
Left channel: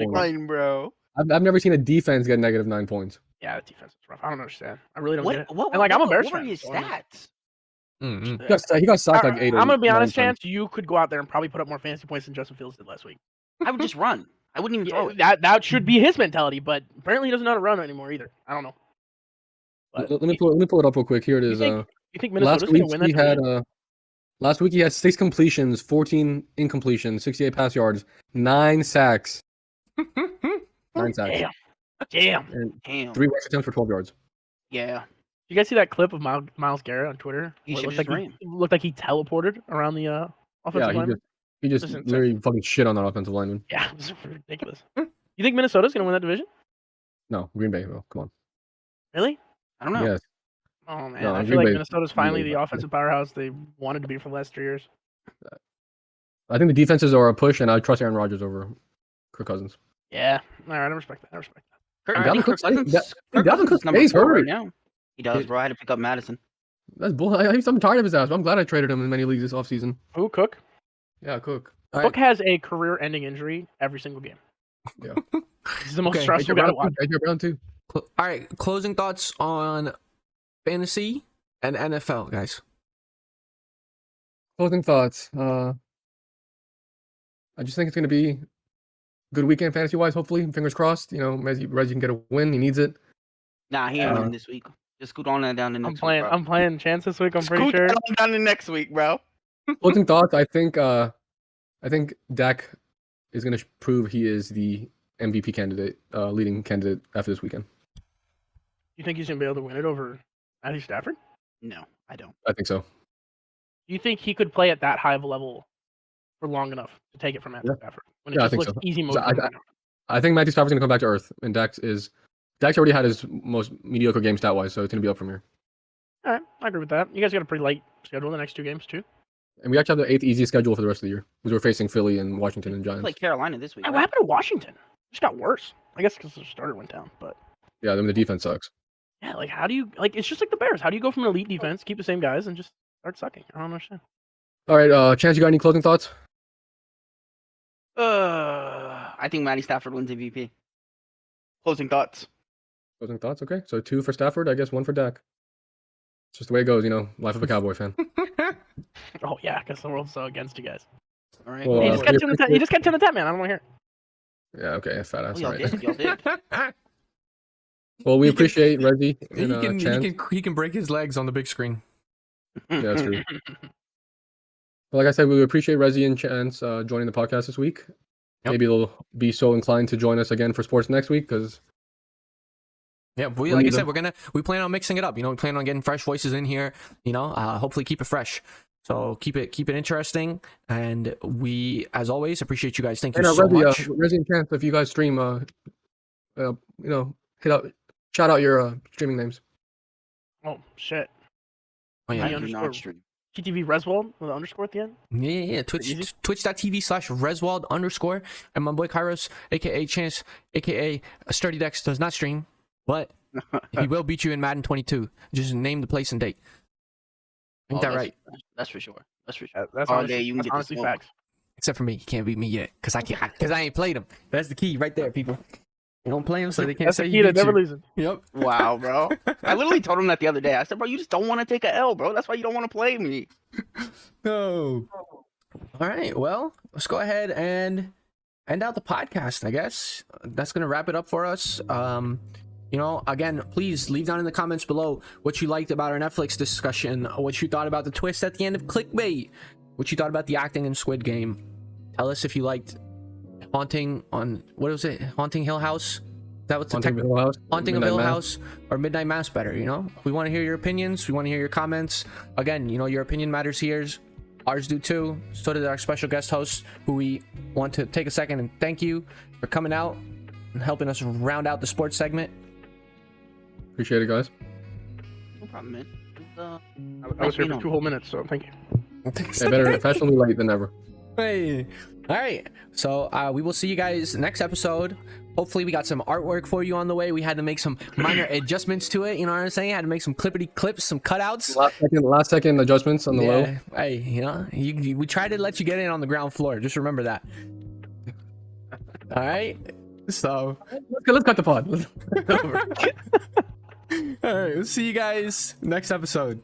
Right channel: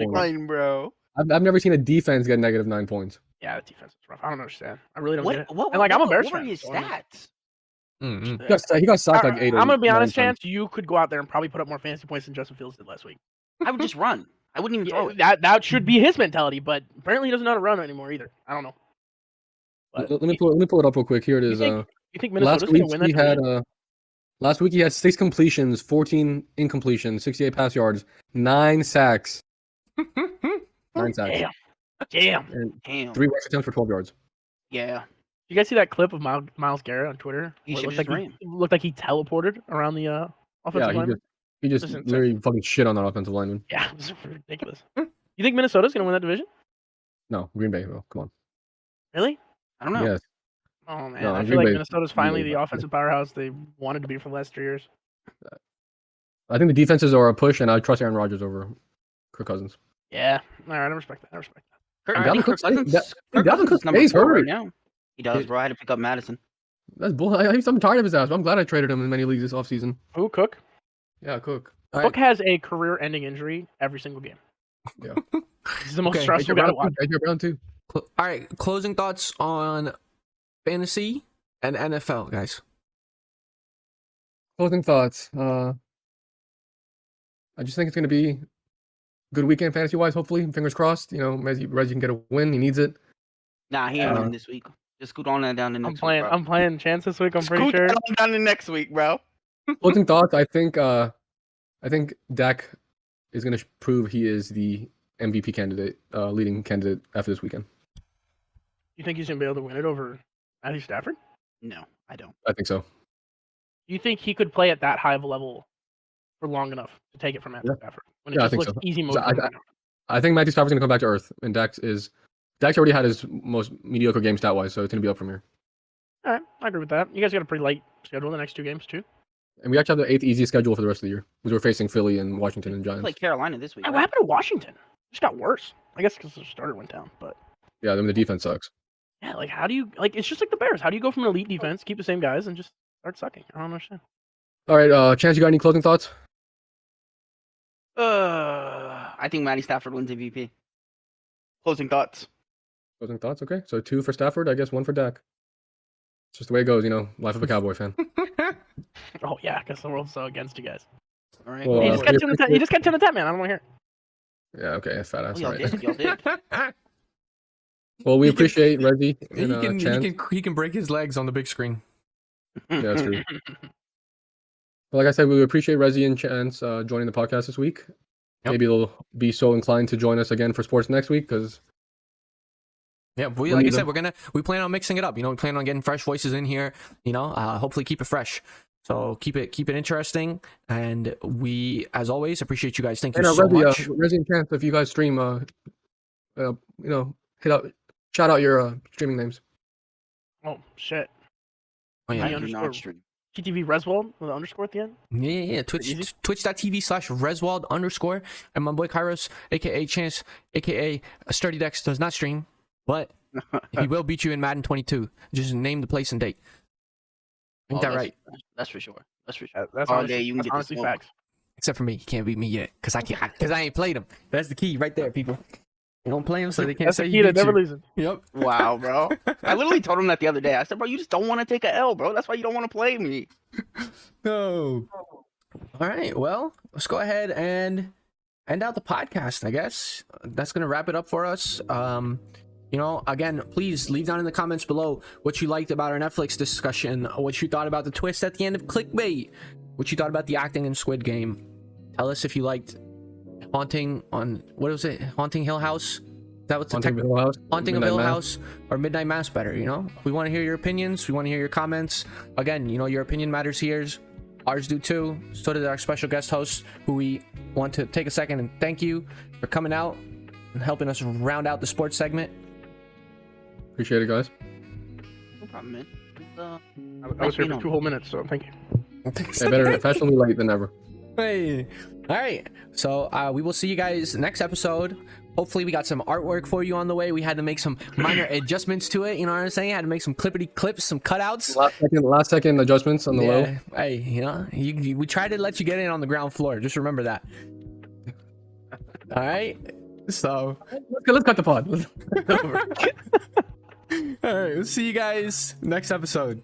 bro. I've never seen a defense get negative 9 points. Yeah, the defense is rough. I don't understand. I really don't get it. What, And like, I'm a Bears what fan. are his so I'm- stats? He got sacked like 8 or I'm gonna be 9 honest, times. Chance. You could go out there and probably put up more fantasy points than Justin Fields did last week. I would just run. I wouldn't even that should be his mentality, but apparently he doesn't know how to run anymore either. I don't know. But Let me pull it up real quick. Here it is. you think Last Minnesota's week gonna win that he had division? last week he had 6 completions, 14 incompletions, 68 pass yards, 9 sacks. 9 sacks. Damn. And Damn. 3 rush attempts for 12 yards. Yeah. You guys see that clip of Myles Garrett on Twitter? He Where it should've looked just like he looked like he teleported around the offensive Yeah, line. he just Listen, literally fucking shit on that offensive lineman. Yeah, it was ridiculous. You think Minnesota's gonna win that division? No, Green Bay. Come on. Really? I don't know. Yes. Oh man, No, I Green feel like Bay- Minnesota's Green finally Bay, the but- offensive powerhouse they wanted to be for the last 3 years. I think the defenses are a push, and I trust Aaron Rodgers over Kirk Cousins. Yeah, all right, I respect that. I Dalvin think Cook Kirk Cousins, stays- Kirk Dalvin Cousins Cook is number stays 4 hurt. right now. He does, bro. I had to pick up Madison. That's bull. I'm tired of his ass. But I'm glad I traded him in many leagues this offseason. Who Cook? Yeah, Cook. Cook has a career-ending injury every single game. Yeah. He's the most Okay. stressful guy to watch. AJ Brown too. All right, closing thoughts on. Closing thoughts. I just think it's going to be a good weekend fantasy wise. Hopefully, fingers crossed. Reggie can get a win. He needs it. Nah, he ain't winning this week. Just scoot on that down to next week, bro. I'm playing Chance this week. I'm pretty Scoot sure. that on down to next week, bro. Closing thoughts. I think Dak is going to prove he is the MVP candidate, leading candidate after this weekend. You think he's gonna be able to win it over Matthew Stafford? No, I don't. I think so. You think he could play at that high of a level for long enough to take it from Matthew Stafford? Yeah, I think so. Easy move. I think Matthew Stafford's going to come back to earth, and Dak's already had his most mediocre game stat-wise, so it's going to be up from here. All right, I agree with that. You guys got a pretty light schedule the next 2 games too. And we actually have the 8th easiest schedule for the rest of the year, because we're facing Philly and Washington and It's Giants. like Carolina this week. Hey, Right? what happened to Washington? It's got worse. I guess because the starter went down. But Yeah, then the defense sucks. yeah, like how do you like? It's just like the Bears. How do you go from an elite defense, keep the same guys, and just start sucking? I don't understand. All right, Chance, you got any closing thoughts? I think Matty Stafford wins MVP. Closing thoughts. Closing thoughts, okay. So 2 for Stafford, I guess 1 for Dak. It's just the way it goes, life of a Cowboy fan. Oh yeah, because the world's so against you guys. All right. Well, You uh, just got 10 to 10. You just got 10 to 10, man. I don't want to hear it. Yeah, okay, fat ass. Oh, y'all All right. did. Y'all did. Well, we appreciate Reggie He and Chance. he can break his legs on the big screen. Yeah, that's true. Well, like I said, we appreciate Rezi and Chance joining the podcast this week. Yep. Maybe they'll be so inclined to join us again for sports next week, because Yeah, but We like I need said, them. we plan on mixing it up. We plan on getting fresh voices in here. Hopefully keep it fresh. So keep it interesting. And we, as always, appreciate you guys. Thank you so much. Rezi and Chance, if you guys stream, shout out your streaming names. Oh shit. Oh, yeah. I Yeah. do not stream. TTV Reswold with an underscore at the end. Yeah. Easy? Twitch.tv/Reswald_. And my boy Kairos, aka Chance, aka Sturdy Dex, does not stream, but he will beat you in Madden 22. Just name the place and date. Ain't that right? That's for sure. That's for sure. That's All honestly, day you can that's get the honestly smoke. facts. Except for me, he can't beat me yet, cause I ain't played him. That's the key right there, people. You don't play him, so they can't That's say the he key to beat never you. losing. Yep. Wow, bro. I literally told him that the other day. I said, bro, you just don't want to take a L, bro. That's why you don't want to play me. No. All right. Well, let's go ahead and end out the podcast. I guess that's gonna wrap it up for us. Again, please leave down in the comments below what you liked about our Netflix discussion, what you thought about the twist at the end of Clickbait, what you thought about the acting in Squid Game. Tell us if you liked Haunting Hill House. That was Haunting of Hill House or Midnight Mass better. We want to hear your opinions. We want to hear your comments. Again, your opinion matters here. Ours do too. So did our special guest host, who we want to take a second and thank you for coming out and helping us round out the sports segment. Appreciate it, guys. No problem, man. I was here for 2 whole minutes, so thank you. Better officially late than never. Hey. All right. So we will see you guys next episode. Hopefully we got some artwork for you on the way. We had to make some minor adjustments to it. You know what I'm saying? Had to make some clippity clips, some cutouts. Last second adjustments on the wall. Hey, we try to let you get in on the ground floor. Just remember that. All right. So Let's cut the pod. all right, we'll see you guys next episode.